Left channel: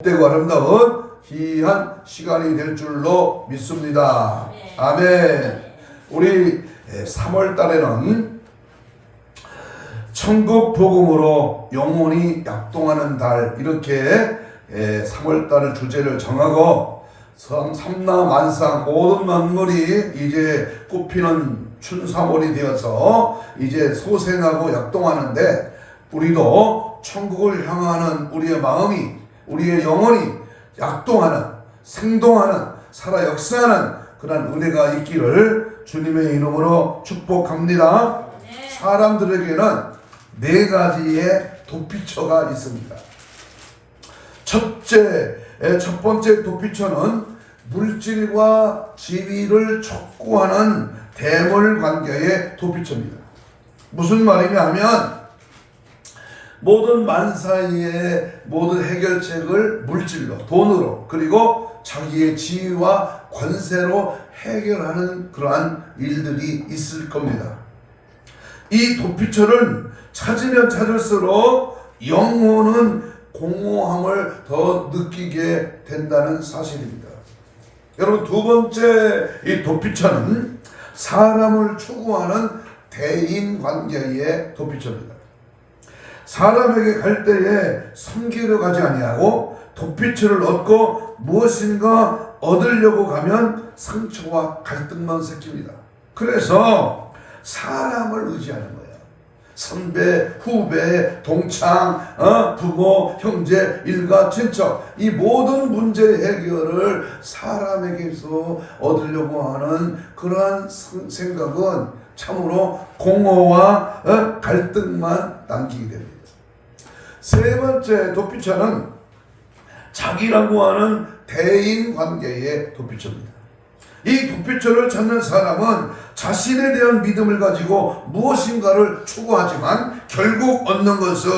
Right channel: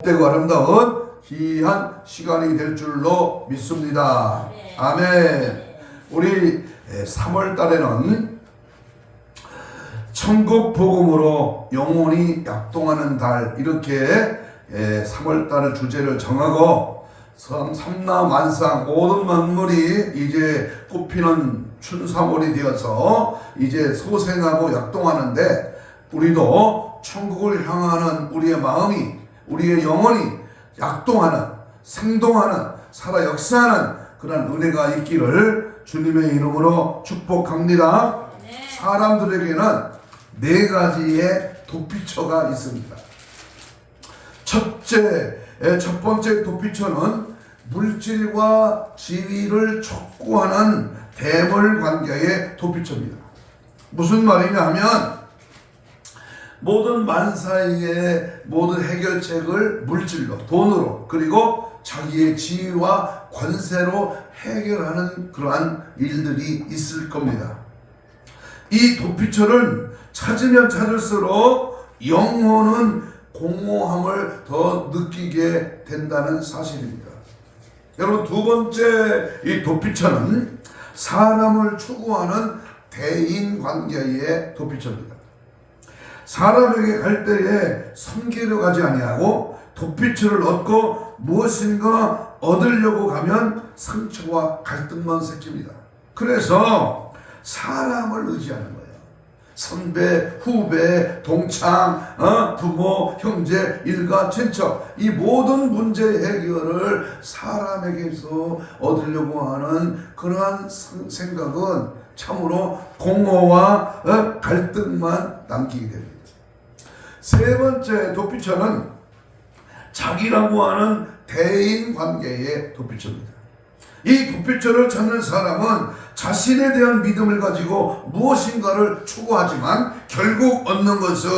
복되고 아름다운 귀한 시간이 될 줄로 믿습니다. 아멘. 우리 3월 달에는 천국 복음으로 영혼이 약동하는 달, 이렇게 3월 달을 주제를 정하고 삼라만상 모든 만물이 이제 꽃피는 춘삼월이 되어서 이제 소생하고 약동하는데, 우리도 천국을 향하는 우리의 마음이, 우리의 영혼이 약동하는, 생동하는, 살아 역사하는 그런 은혜가 있기를 주님의 이름으로 축복합니다. 사람들에게는 4가지의 도피처가 있습니다. 첫 번째 도피처는 물질과 지위를 촉구하는 대물 관계의 도피처입니다. 무슨 말이냐 하면, 모든 만사의 모든 해결책을 물질로, 돈으로, 그리고 자기의 지위와 권세로 해결하는 그러한 일들이 있을 겁니다. 이 도피처를 찾으면 찾을수록 영혼은 공허함을 더 느끼게 된다는 사실입니다. 여러분, 두 번째 이 도피처는 사람을 추구하는 대인관계의 도피처입니다. 사람에게 갈 때에 섬기려 가지 아니하고 도피처를 얻고 무엇인가 얻으려고 가면 상처와 갈등만 생깁니다. 그래서 사람을 의지하는 거예요. 선배, 후배, 동창, 부모, 형제, 일가, 친척, 이 모든 문제 해결을 사람에게서 얻으려고 하는 그러한 생각은 참으로 공허와 갈등만 남기게 됩니다. 세 번째 도피처는 자기라고 하는 대인관계의 도피처입니다. 이 도피처를 찾는 사람은 자신에 대한 믿음을 가지고 무엇인가를 추구하지만 결국 얻는 것은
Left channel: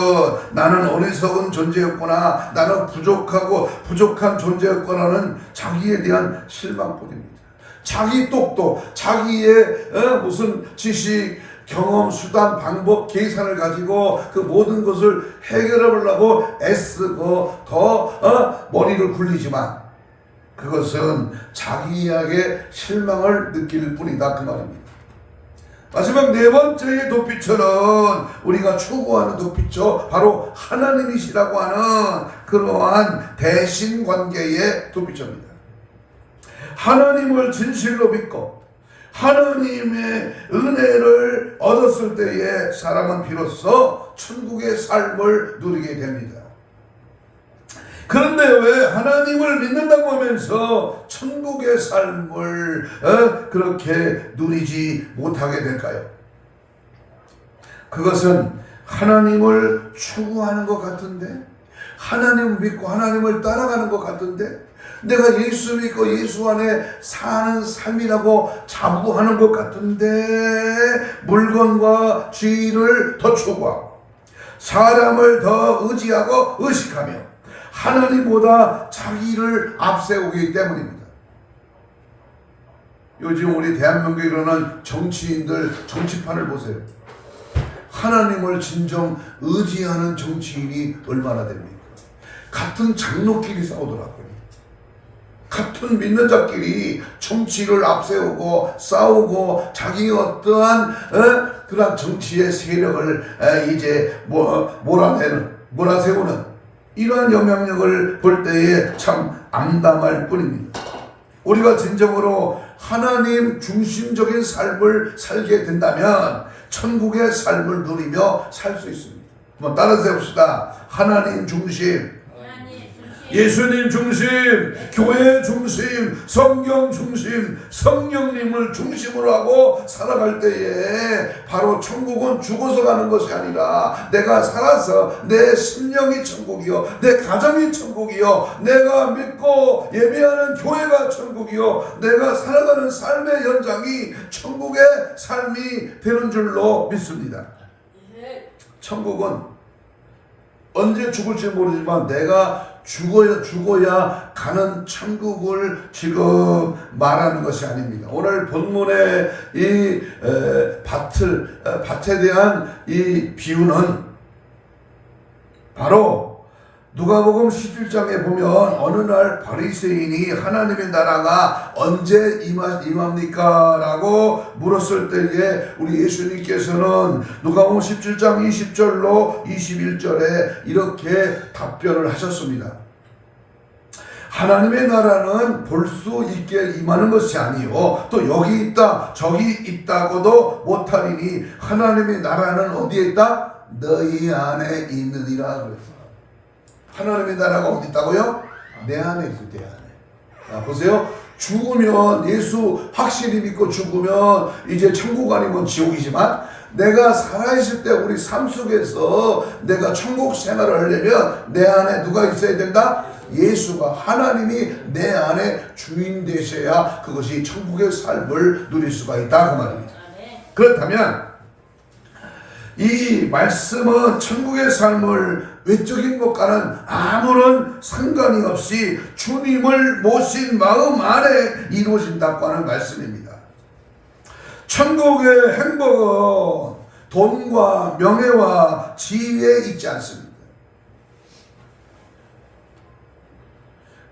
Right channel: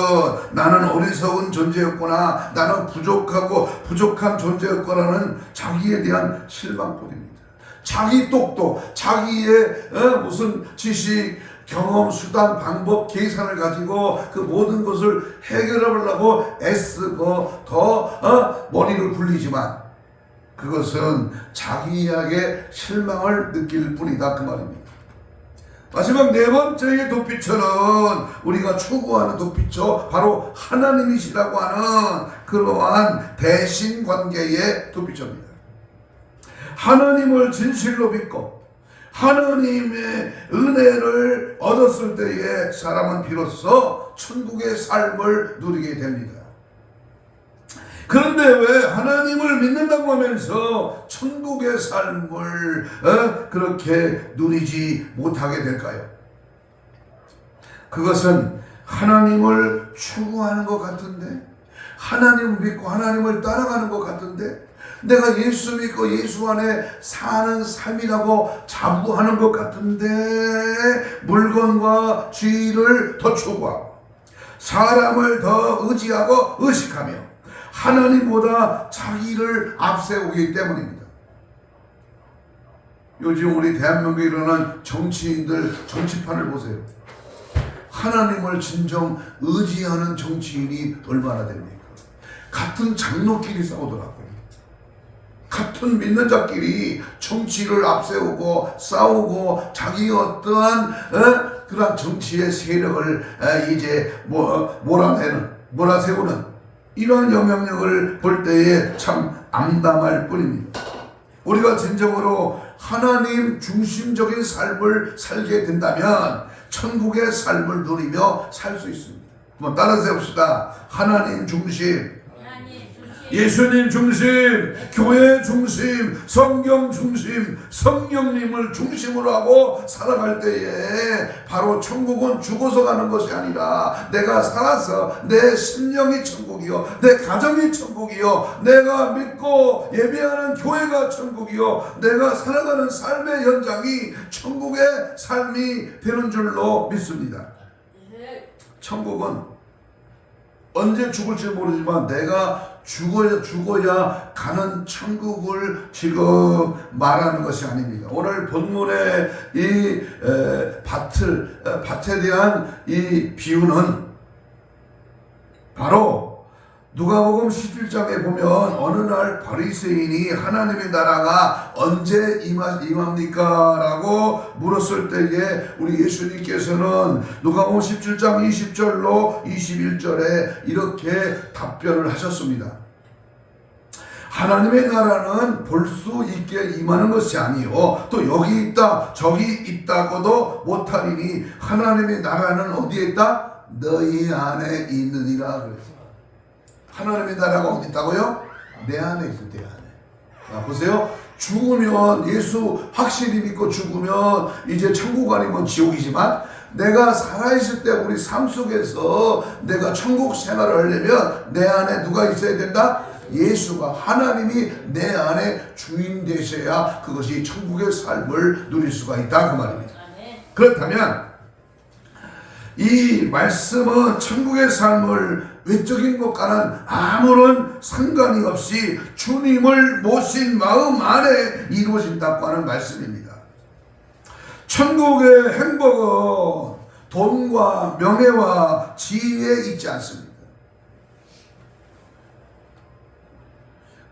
나는 어리석은 존재였구나, 나는 부족한 존재였구나는 자기에 대한 실망뿐입니다. 자기 똑똑, 자기의 무슨 지식, 경험, 수단, 방법, 계산을 가지고 그 모든 것을 해결하려고 애쓰고 더 머리를 굴리지만 그것은 자기에게 실망을 느낄 뿐이다, 그 말입니다. 마지막 4번째의 도피처는 우리가 추구하는 도피처, 바로 하나님이시라고 하는 그러한 대신관계의 도피처입니다. 하나님을 진실로 믿고 하나님의 은혜를 얻었을 때에 사람은 비로소 천국의 삶을 누리게 됩니다. 그런데 왜 하나님을 믿는다고 하면서 천국의 삶을 그렇게 누리지 못하게 될까요? 그것은 하나님을 추구하는 것 같은데, 하나님을 믿고 하나님을 따라가는 것 같은데, 내가 예수 믿고 예수 안에 사는 삶이라고 자부하는 것 같은데, 물건과 지위를 더 추구하고 사람을 더 의지하고 의식하며 하나님보다 자기를 앞세우기 때문입니다. 요즘 우리 대한민국에 일어난 정치인들 정치판을 보세요. 하나님을 진정 의지하는 정치인이 얼마나 됩니까? 같은 장로끼리 싸우더라고요. 같은 믿는 자끼리 정치를 앞세우고 싸우고 자기 어떠한 그런 정치의 세력을 이제 몰아세우는 이러한 영향력을 볼 때에 참 암담할 뿐입니다. 우리가 진정으로 하나님 중심적인 삶을 살게 된다면 천국의 삶을 누리며 살 수 있습니다. 한번 따라서 해봅시다. 하나님 중심, 예수님 중심, 교회 중심, 성경 중심, 성령님을 중심으로 하고 살아갈 때에 바로 천국은 죽어서 가는 것이 아니라 내가 살아서 내 심령이 천국이요, 내 가정이 천국이요, 내가 믿고 예배하는 교회가 천국이요, 내가 살아가는 삶의 현장이 천국의 삶이 되는 줄로 믿습니다. 천국은 언제 죽을지 모르지만 내가 죽어야 가는 천국을 지금 말하는 것이 아닙니다. 오늘 본문의 이 밭에 대한 이 비유는 바로 누가복음 17장에 보면 어느 날 바리새인이 하나님의 나라가 언제 임합니까? 라고 물었을 때에 우리 예수님께서는 누가복음 17장 20절로 21절에 이렇게 답변을 하셨습니다. 하나님의 나라는 볼 수 있게 임하는 것이 아니요 또 여기 있다 저기 있다고도 못하리니 하나님의 나라는 어디에 있다? 너희 안에 있느니라 그랬어요. 하나님의 나라가 어디 있다고요? 내 안에 있어, 내 안에. 보세요. 죽으면 예수 확실히 믿고 죽으면 이제 천국 아니면 지옥이지만 내가 살아있을 때 우리 삶 속에서 내가 천국 생활을 하려면 내 안에 누가 있어야 된다? 예수가 하나님이 내 안에 주인 되셔야 그것이 천국의 삶을 누릴 수가 있다 그 말입니다. 그렇다면 이 말씀은 천국의 삶을 외적인 것과는 아무런 상관이 없이 주님을 모신 마음 안에 이루어진다고 하는 말씀입니다. 천국의 행복은 돈과 명예와 지위에 있지 않습니다.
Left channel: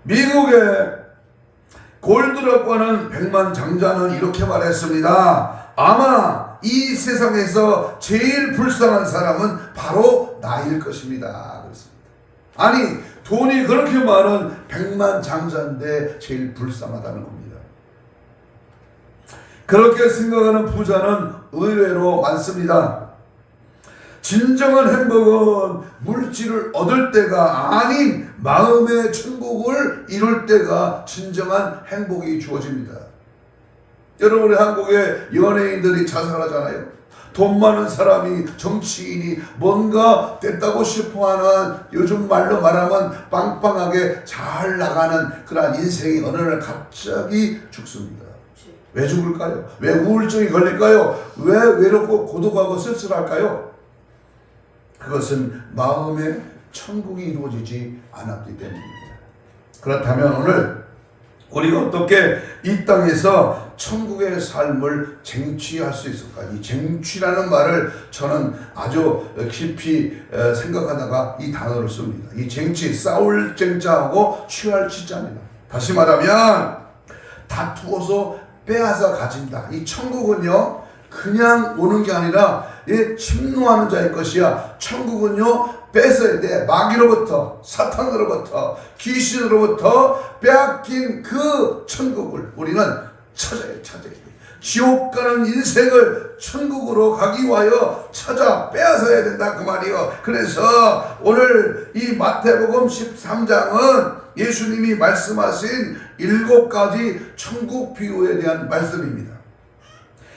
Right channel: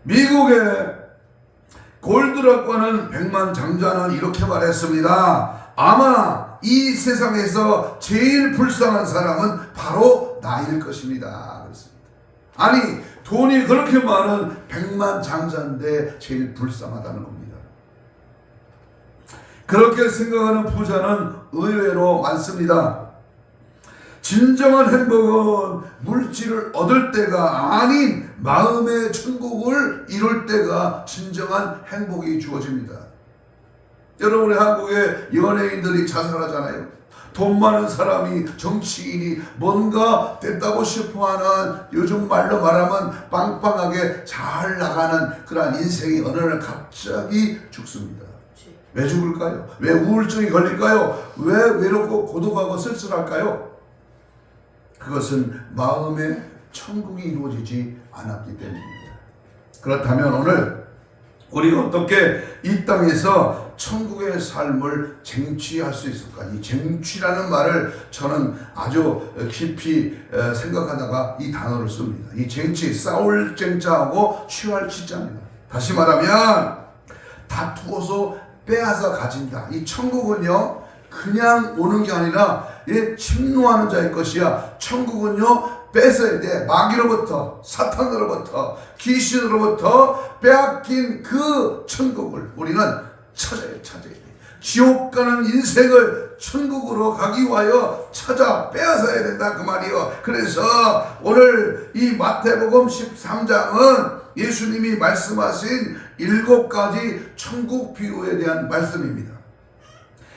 미국의 골드락과는 백만장자는 이렇게 말했습니다. 아마 이 세상에서 제일 불쌍한 사람은 바로 나일 것입니다. 그렇습니다. 아니 돈이 그렇게 많은 백만장자인데 제일 불쌍하다는 겁니다. 그렇게 생각하는 부자는 의외로 많습니다. 진정한 행복은 물질을 얻을 때가 아닌 마음의 천국을 이룰 때가 진정한 행복이 주어집니다. 여러분 우리 한국의 연예인들이 자살하잖아요. 돈 많은 사람이 정치인이 뭔가 됐다고 싶어하는 요즘 말로 말하면 빵빵하게 잘 나가는 그런 인생이 어느 날 갑자기 죽습니다. 왜 죽을까요? 왜 우울증이 걸릴까요? 왜 외롭고 고독하고 쓸쓸할까요? 그것은 마음의 천국이 이루어지지 않았기 때문입니다. 그렇다면 오늘 우리가 어떻게 이 땅에서 천국의 삶을 쟁취할 수 있을까? 이 쟁취라는 말을 저는 아주 깊이 생각하다가 이 단어를 씁니다. 이 쟁취, 싸울 쟁자하고 취할 취자입니다. 다시 말하면 다투어서 빼앗아 가진다. 이 천국은요 그냥 오는 게 아니라 침노하는 자의 것이야. 천국은요 뺏어야 돼. 마귀로부터, 사탄으로부터, 귀신으로부터 빼앗긴 그 천국을 우리는 찾아야 돼. 지옥 가는 인생을 천국으로 가기 위하여 찾아 빼앗아야 된다 그 말이요. 그래서 오늘 이 마태복음 13장은 예수님이 말씀하신 7가지 천국 비유에 대한 말씀입니다.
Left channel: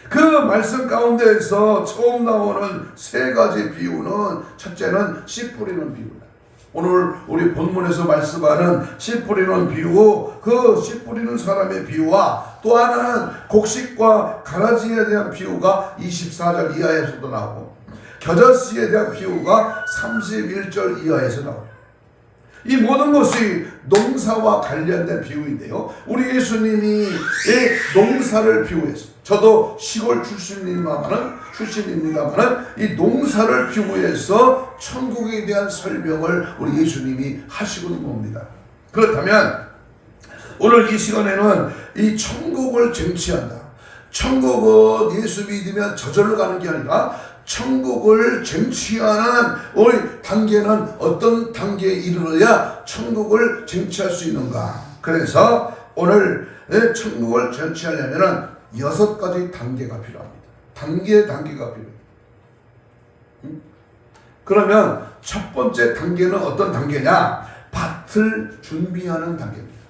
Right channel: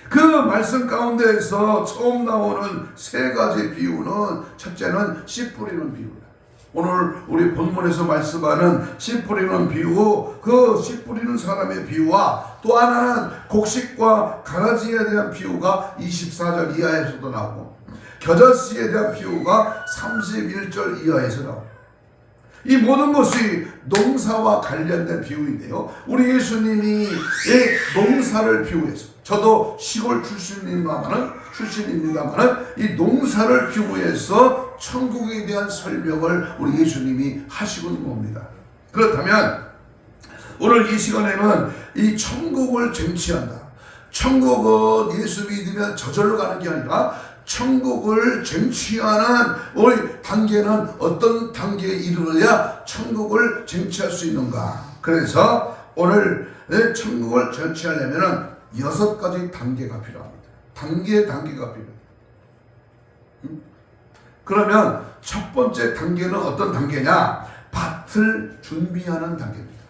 그 말씀 가운데에서 처음 나오는 3가지 비유는 첫째는 씨 뿌리는 비유다. 오늘 우리 본문에서 말씀하는 씨 뿌리는 비유, 그 씨 뿌리는 사람의 비유와 또 하나는 곡식과 가라지에 대한 비유가 24절 이하에서도 나오고 겨자씨에 대한 비유가 31절 이하에서 나옵니다. 이 모든 것이 농사와 관련된 비유인데요. 우리 예수님이 이 농사를 비유해서 저도 시골 출신입니다만은 이 농사를 비유해서 천국에 대한 설명을 우리 예수님이 하시고 있는 겁니다. 그렇다면 오늘 이 시간에는 이 천국을 쟁취한다. 천국은 예수 믿으면 저절로 가는 게 아니라 천국을 쟁취하는 우리 단계는 어떤 단계에 이르러야 천국을 쟁취할 수 있는가? 그래서 오늘 천국을 쟁취하려면 6가지 단계가 필요합니다. 단계가 필요해요. 그러면 첫 번째 단계는 어떤 단계냐? 밭을 준비하는 단계입니다.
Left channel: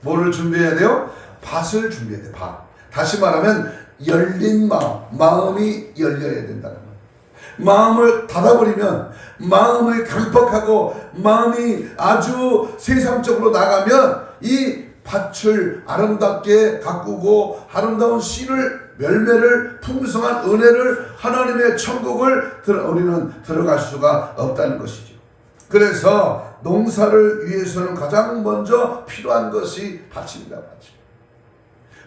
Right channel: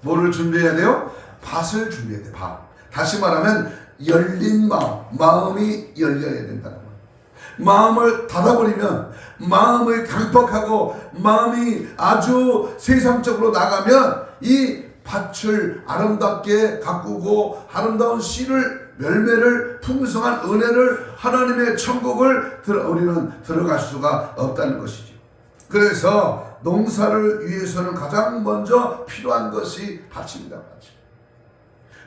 뭐를 준비해야 돼요? 밭을 준비해야 돼요. 밭. 다시 말하면 열린 마음이 열려야 된다는 거예요. 마음을 닫아버리면, 마음을 강박하고 마음이 아주 세상적으로 나가면 이 밭을 아름답게 가꾸고 아름다운 씨를, 열매를, 풍성한 은혜를, 하나님의 천국을 우리는 들어갈 수가 없다는 것이죠. 그래서 농사를 위해서는 가장 먼저 필요한 것이 밭입니다. 밭.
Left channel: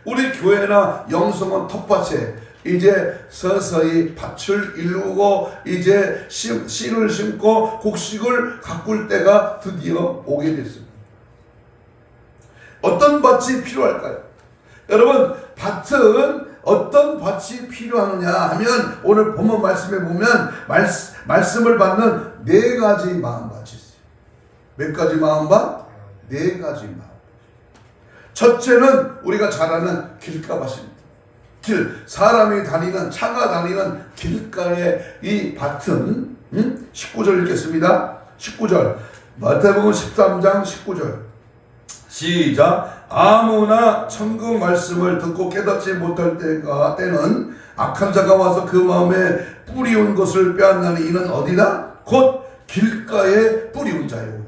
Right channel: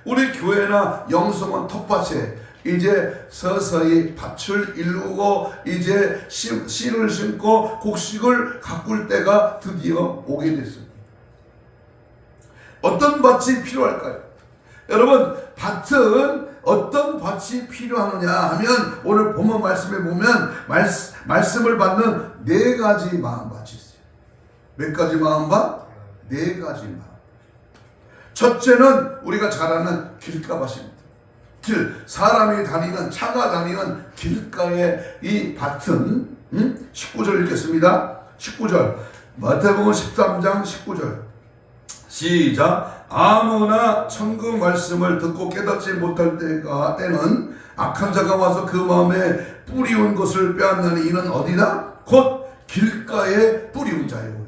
우리 교회나 영성은 텃밭에 이제 서서히 밭을 이루고 이제 씨를 심고 곡식을 가꿀 때가 드디어 오게 됐습니다. 어떤 밭이 필요할까요? 여러분, 밭은 어떤 밭이 필요하느냐 하면 오늘 본문 말씀에 보면 말씀을 받는 네 가지 마음밭이 있어요. 몇 가지 마음밭? 네 가지 마음밭. 첫째는 우리가 잘 아는 길가밭입니다. 사람이 다니는, 차가 다니는 길가의 이 밭은 19절 읽겠습니다. 19절 마태복음 13장 19절 시작. 아무나 천국 말씀을 듣고 깨닫지 못할 때는 악한 자가 와서 그 마음에 뿌리온 것을 빼앗나니 이는 어디다? 곧 길가에 뿌리온 자요.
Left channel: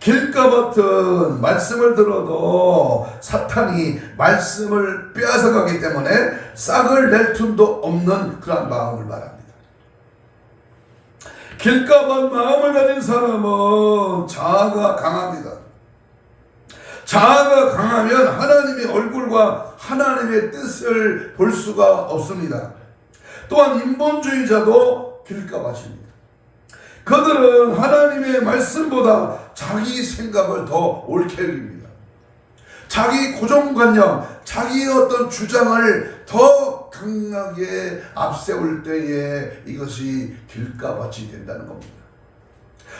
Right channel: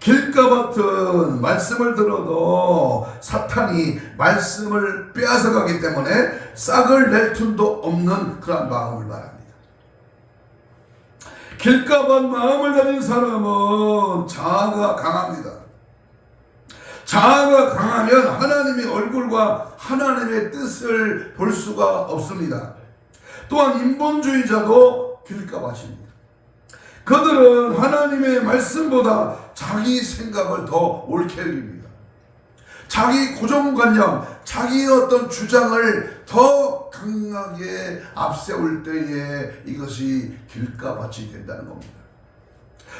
길가밭은 말씀을 들어도 사탄이 말씀을 빼앗아가기 때문에 싹을 낼 틈도 없는 그런 마음을 말합니다. 길가밭 마음을 가진 사람은 자아가 강합니다. 자아가 강하면 하나님의 얼굴과 하나님의 뜻을 볼 수가 없습니다. 또한 인본주의자도 길가밭입니다. 그들은 하나님의 말씀보다 자기 생각을 더 옳게 여깁니다. 자기 고정관념, 자기의 어떤 주장을 더 강하게 앞세울 때에 이것이 길가밭이 된다는 겁니다.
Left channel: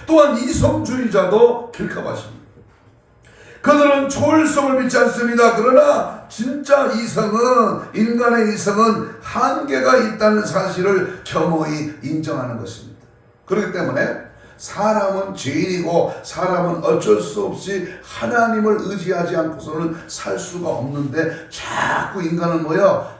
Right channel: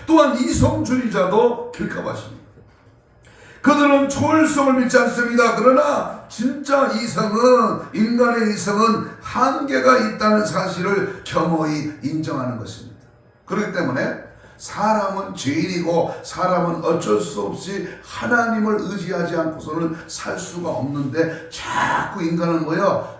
또한 이성주의자도 길가밭입니다. 그들은 초월성을 믿지 않습니다. 그러나 진짜 이성은, 인간의 이성은 한계가 있다는 사실을 겸허히 인정하는 것입니다. 그렇기 때문에 사람은 죄인이고 사람은 어쩔 수 없이 하나님을 의지하지 않고서는 살 수가 없는데 자꾸 인간은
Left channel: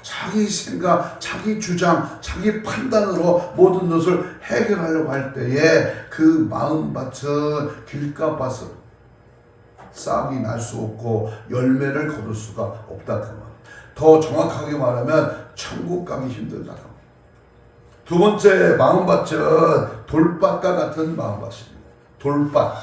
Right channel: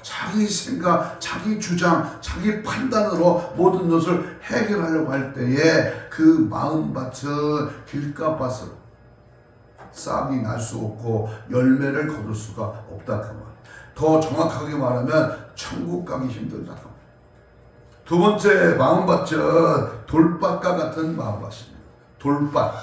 자기 생각, 자기 주장, 자기 판단으로 모든 것을 해결하려고 할 때에 그 마음밭은 길가밭으로 싹이 날 수 없고 열매를 거둘 수가 없다. 더 정확하게 말하면 천국 가기 힘들다. 두 번째 마음밭은 돌밭과 같은 마음밭입니다. 돌밭.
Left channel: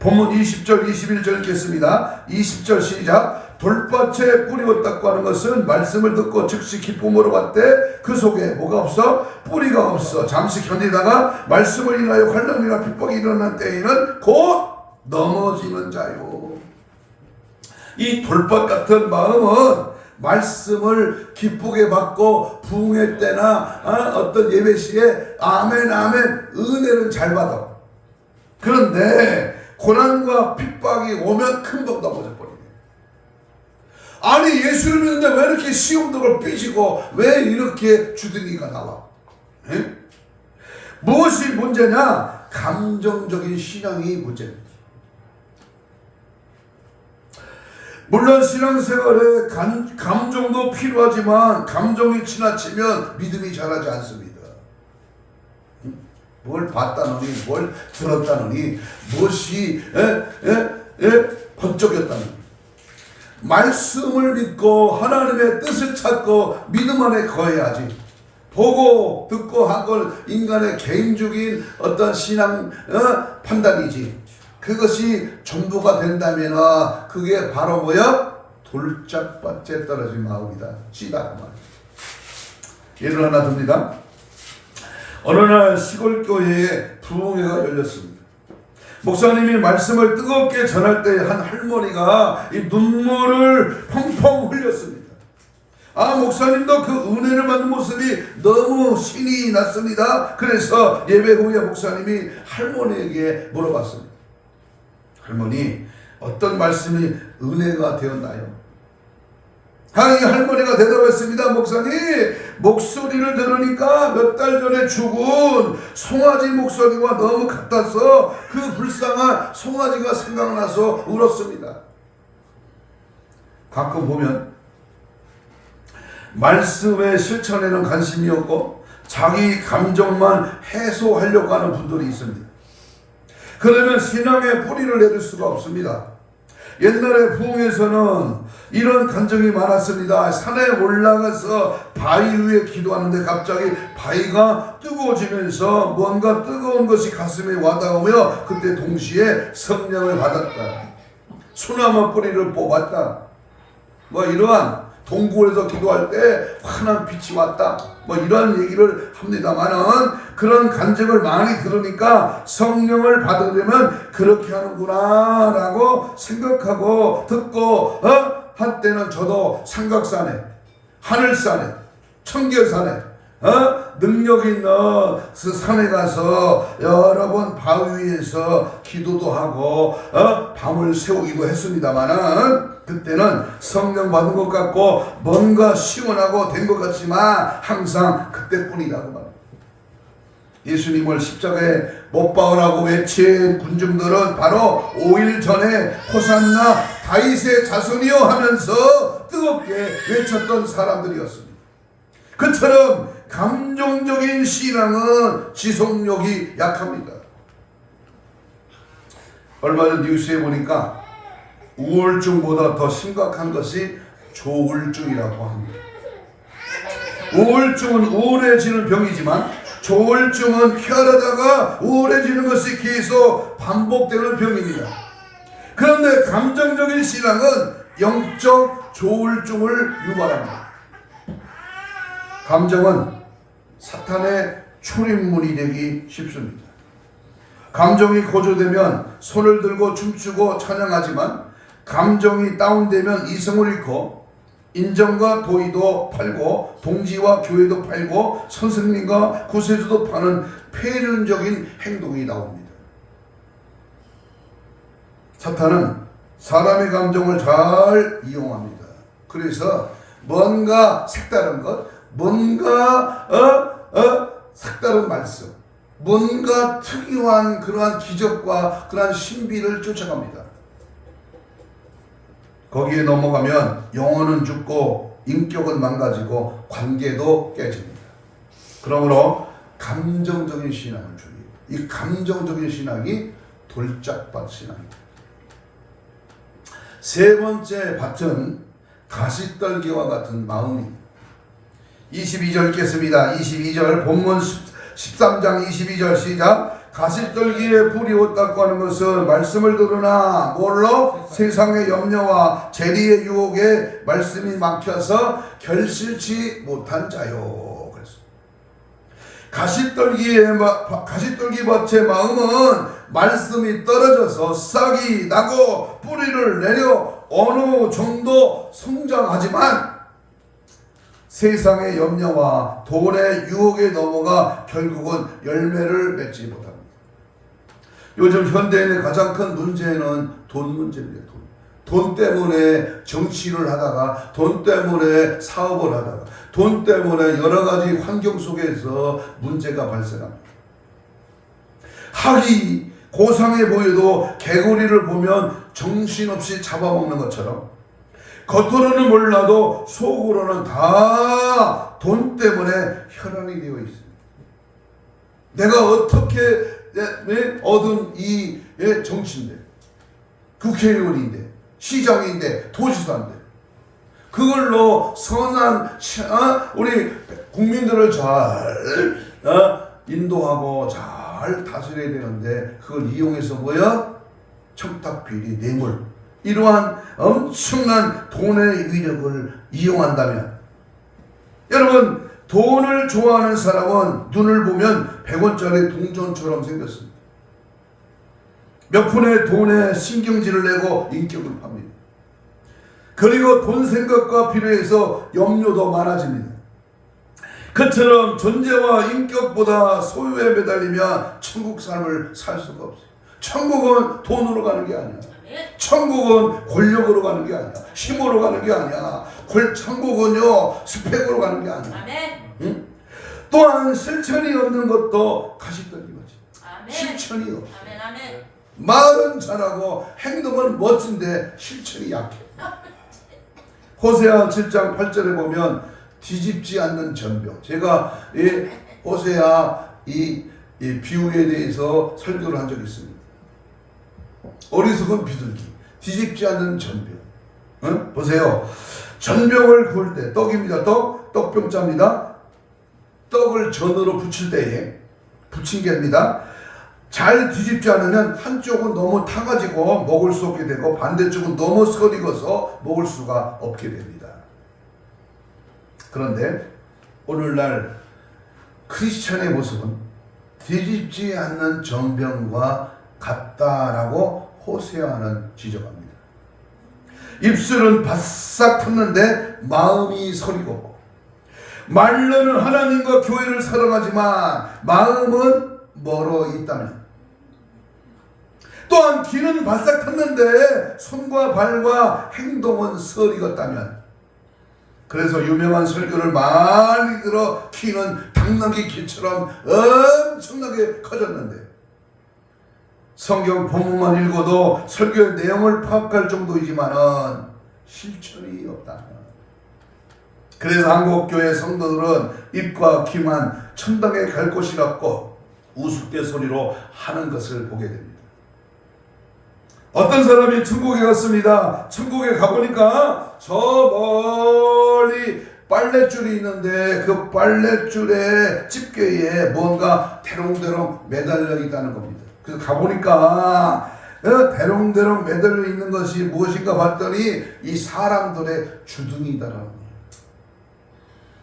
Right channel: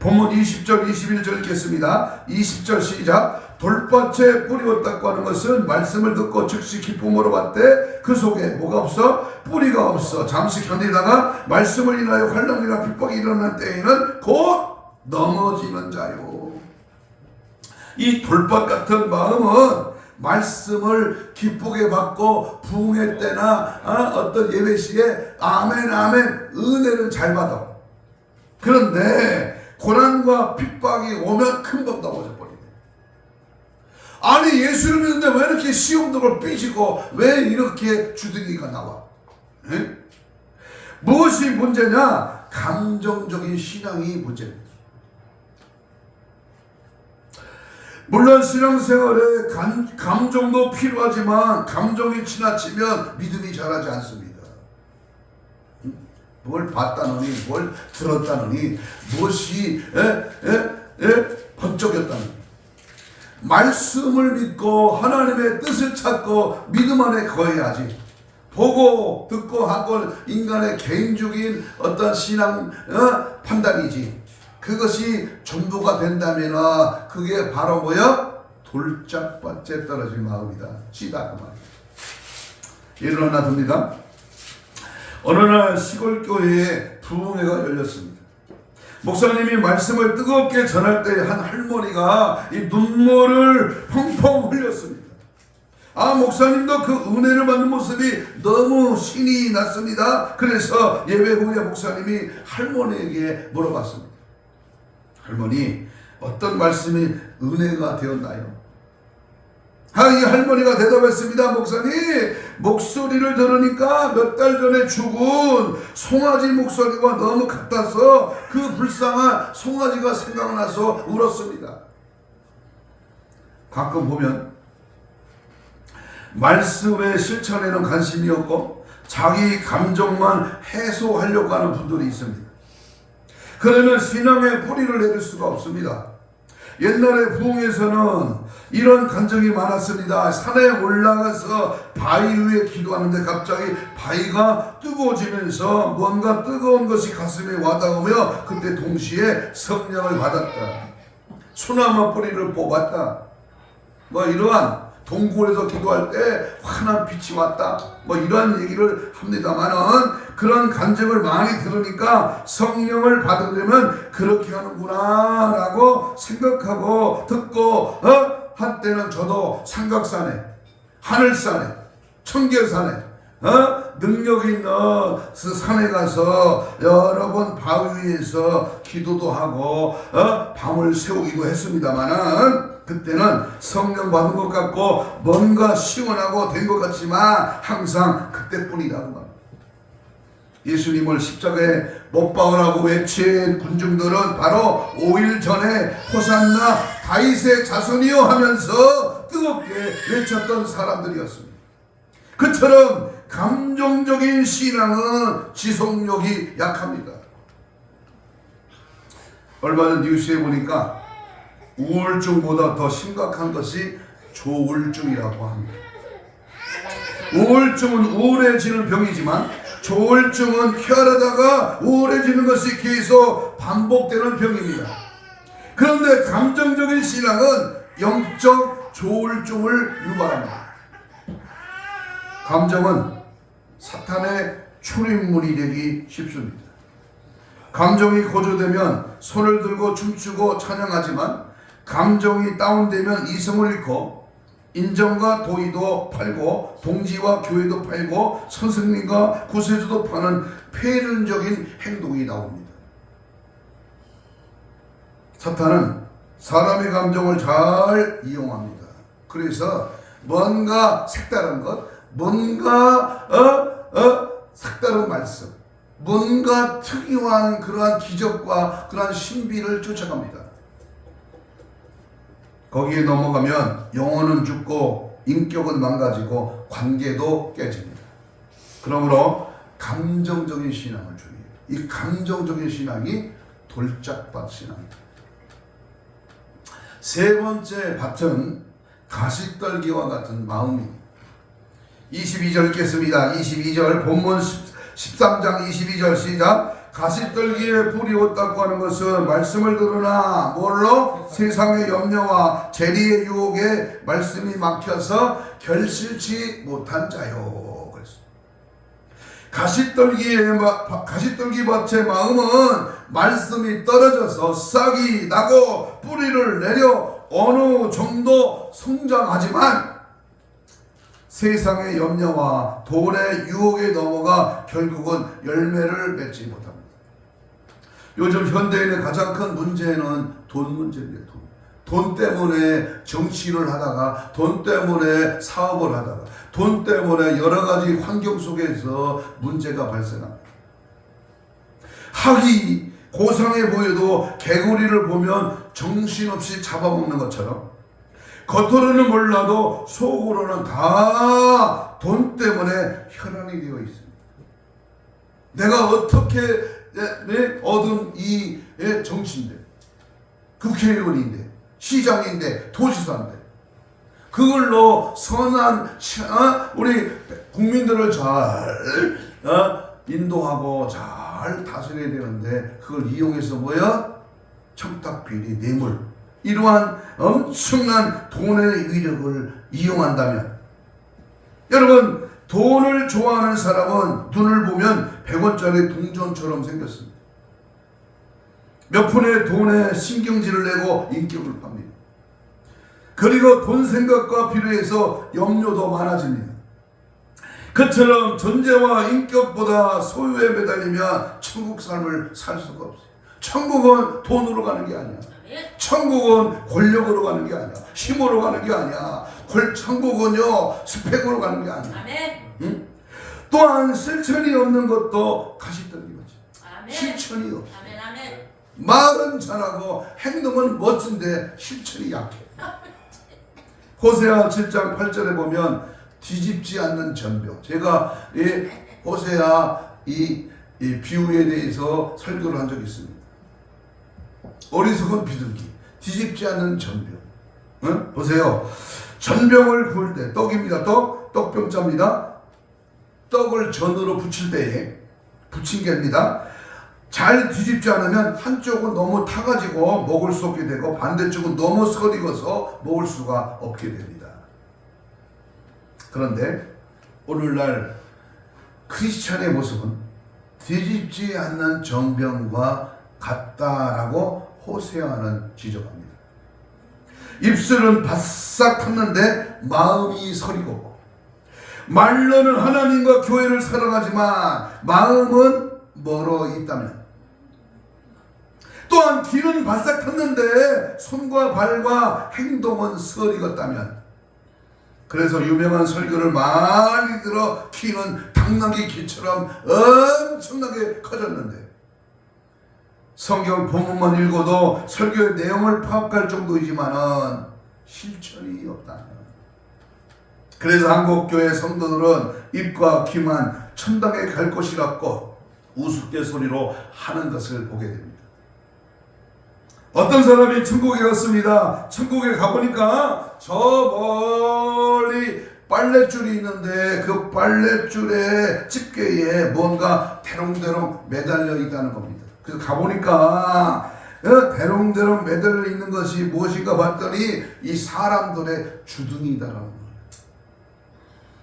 본문 20절 21절 읽겠습니다. 20절 시작. 돌밭에 뿌리었다고 하는 것은 말씀을 듣고 즉시 기쁨으로 받되 그 속에 뭐가 없어? 뿌리가 없어. 잠시 견디다가 말씀을 인하여 환난이나 핍박이 일어난 때에는 곧 넘어지는 자요. 이 돌밭 같은 마음은 말씀을 기쁘게 받고 부흥회 때나 어떤 예배 시에 아멘 아멘 은혜를 잘 받아. 그런데 고난과 핍박이 오면 금방 넘어져 버려요. 아니 예수를 믿는데 왜 이렇게 시험들을 삐지고 왜 이렇게 주둥이가 나와? 에? 무엇이 문제냐? 감정적인 신앙이 문제입니다. 물론 신앙생활에 감정도 필요하지만 감정이 지나치면 믿음이 자라지 않습니다. 뭘 봤다느니 뭘 들었다느니 무엇이 번쩍였다느니 말씀을 믿고 하나님의 뜻을 찾고 믿음 안에 거해야지. 보고 듣고 한 건 인간의 개인적인 어떤 신앙 판단이지. 그것이 전부가 된다면 그게 바로 돌짝밭에 떨어진 마음이다. 씨다. 예를 하나 듭니다. 어느 날 시골교회에 부흥회가 열렸습니다. 목사님이 말씀을 뜨겁게 전할 때 한 할머니가 이 눈물을 펑펑 흘렸습니다. 목사님도 그 은혜를 받는 모습이 너무 신이 났습니다. 그래서 예배 후에 목사님이 할머니에게 물어봤습니다. 할머니, 어떤 말씀이 은혜가 되었나요? 이 할머니가 대답했습니다. 목사님, 목소리를 들으니까 몇 달 전에 죽은 송아지 목소리가 너무 같아서 그 불쌍한 송아지가 생각나서 울었습니다. 가끔 보면 말씀의 실천에는 관심이 없고 자기 감정만 해소하려고 하는 분들이 있습니다. 그러면 신앙의 뿌리를 내릴 수가 없습니다. 옛날에 부흥에서는 이런 간증이 많았습니다. 산에 올라가서 바위 위에 기도하는데 갑자기 바위가 뜨거워지면서 뭔가 뜨거운 것이 가슴에 와닿으며 그때 동시에 성령을 받았다. 소나무 뿌리를 뽑았다. 이러한 동굴에서 기도할 때 환한 빛이 왔다. 뭐 이런 얘기를 합니다만은 그런 간증을 많이 들으니까 성령을 받으려면 그렇게 하는구나라고 생각하고 듣고 한때는 저도 삼각산에, 하늘산에, 청계산에 능력 있는 그 산에 가서 여러 번 바위 위에서 기도도 하고 밤을 새우기도 했습니다만은 그때는 성령 받은 것 같고 뭔가 시원하고 된 것 같지만 항상 그때뿐이라고 말합니다. 예수님을 십자가에 못 박으라고 외친 군중들은 바로 5일 전에 호산나 다윗의 자손이여 하면서 뜨겁게 외쳤던 사람들이었습니다. 그처럼 감정적인 신앙은 지속력이 약합니다. 얼마 전 뉴스에 보니까 우울증보다 더 심각한 것이 조울증이라고 합니다. 우울증은 우울해지는 병이지만 조울증은 쾌활하다가 우울해지는 것이 계속 반복되는 병입니다. 그런데 감정적인 신앙은 영적 조울증을 유발합니다. 감정은 사탄의 출입문이 되기 쉽습니다. 감정이 고조되면 손을 들고 춤추고 찬양하지만 감정이 다운되면 이성을 잃고 인정과 도의도 팔고 동지와 교회도 팔고 선생님과 구세주도 파는 폐륜적인 행동이 나옵니다. 사탄은 사람의 감정을 잘 이용합니다. 그래서 뭔가 색다른 것, 뭔가 색다른 말씀, 뭔가 특이한 그러한 기적과 그러한 신비를 쫓아갑니다. 거기에 넘어가면 영혼은 죽고 인격은 망가지고 관계도 깨집니다. 그러므로 감정적인 신앙을 주의해요. 이 감정적인 신앙이 돌짝밭 신앙입니다. 세 번째 밭은 가시떨기와 같은 마음입니다. 22절 읽겠습니다. 22절 본문 13장 22절 시작. 가시떨기에 불이 옷 닦고 하는 것은 말씀을 들으나 뭘로? 세상의 염려와 재리의 유혹에 말씀이 막혀서 결실치 못한 자요. 그래서 가시떨기 밭의 마음은 말씀이 떨어져서 싹이 나고 뿌리를 내려 어느 정도 성장하지만 세상의 염려와 돈의 유혹에 넘어가 결국은 열매를 맺지 못합니다. 요즘 현대인의 가장 큰 문제는 돈 문제입니다. 돈 때문에 정치를 하다가, 돈 때문에 사업을 하다가, 돈 때문에 여러 가지 환경 속에서 문제가 발생합니다. 학이 고상해 보여도 개구리를 보면 정신없이 잡아먹는 것처럼 겉으로는 몰라도 속으로는 다 돈 때문에 혈안이 되어 있습니다. 내가 어떻게 얻은 이 정치인데, 국회의원인데, 시장인데, 도지사인데 그걸로 선한 우리 국민들을 잘 인도하고 잘 다스려야 되는데 그걸 이용해서 뭐야? 청탁비리, 뇌물, 이러한 엄청난 돈의 위력을 이용한다면, 여러분 돈을 좋아하는 사람은 눈을 보면 100원짜리 동전처럼 생겼습니다. 몇 푼의 돈에 신경질을 내고 인격을 팝니다. 그리고 돈 생각과 필요해서 염려도 많아집니다. 그처럼 존재와 인격보다 소유에 매달리면 천국 삶을 살 수가 없어요. 천국은 돈으로 가는 게 아니야. 천국은 권력으로 가는 게 아니야. 힘으로 가는 게 아니야. 천국은요 스펙으로 가는 게 아니야. 응? 또한 실천이 없는 것도 가시떨기같이. 실천이 없어. 말은 잘하고 행동은 멋진데 실천이 약해. 호세아 7장 8절에 보면 뒤집지 않는 전병. 제가 이 호세아 이 비유에 대해서 설교를 한 적이 있습니다. 어리석은 비둘기, 뒤집지 않는 전병. 응? 보세요. 전병을 구울 때, 떡입니다. 떡병자입니다. 떡을 전으로 부칠 때에 부침개입니다. 잘 뒤집지 않으면 한쪽은 너무 타가지고 먹을 수 없게 되고 반대쪽은 너무 설익어서 먹을 수가 없게 됩니다. 그런데 오늘날 크리스천의 모습은 뒤집지 않는 정병과 같다라고 호세아는 지적합니다. 입술은 바싹 탔는데 마음이 서리고, 말로는 하나님과 교회를 사랑하지만 마음은 멀어 있다면, 또한 귀는 바싹 탔는데 손과 발과 행동은 서리었다면, 그래서 유명한 설교를 많이 들어 키는 당나귀 키처럼 엄청나게 커졌는데 성경 본문만 읽어도 설교의 내용을 파악할 정도이지만은 실천이 없다. 그래서 한국교회 성도들은 입과 귀만 천당에 갈 것이라고 우스갯소리로 하는 것을 보게 됩니다. 어떤 사람이 천국에 갔습니다. 천국에 가보니까 저 멀리 빨랫줄이 있는데 그 빨랫줄의 집게에 뭔가 대롱대롱 매달려 있다는 겁니다. 그래서 가보니까 대롱대롱 매달려 있는 것이 무엇인가 봤더니 이 사람들의 주둥이다라는 거예요.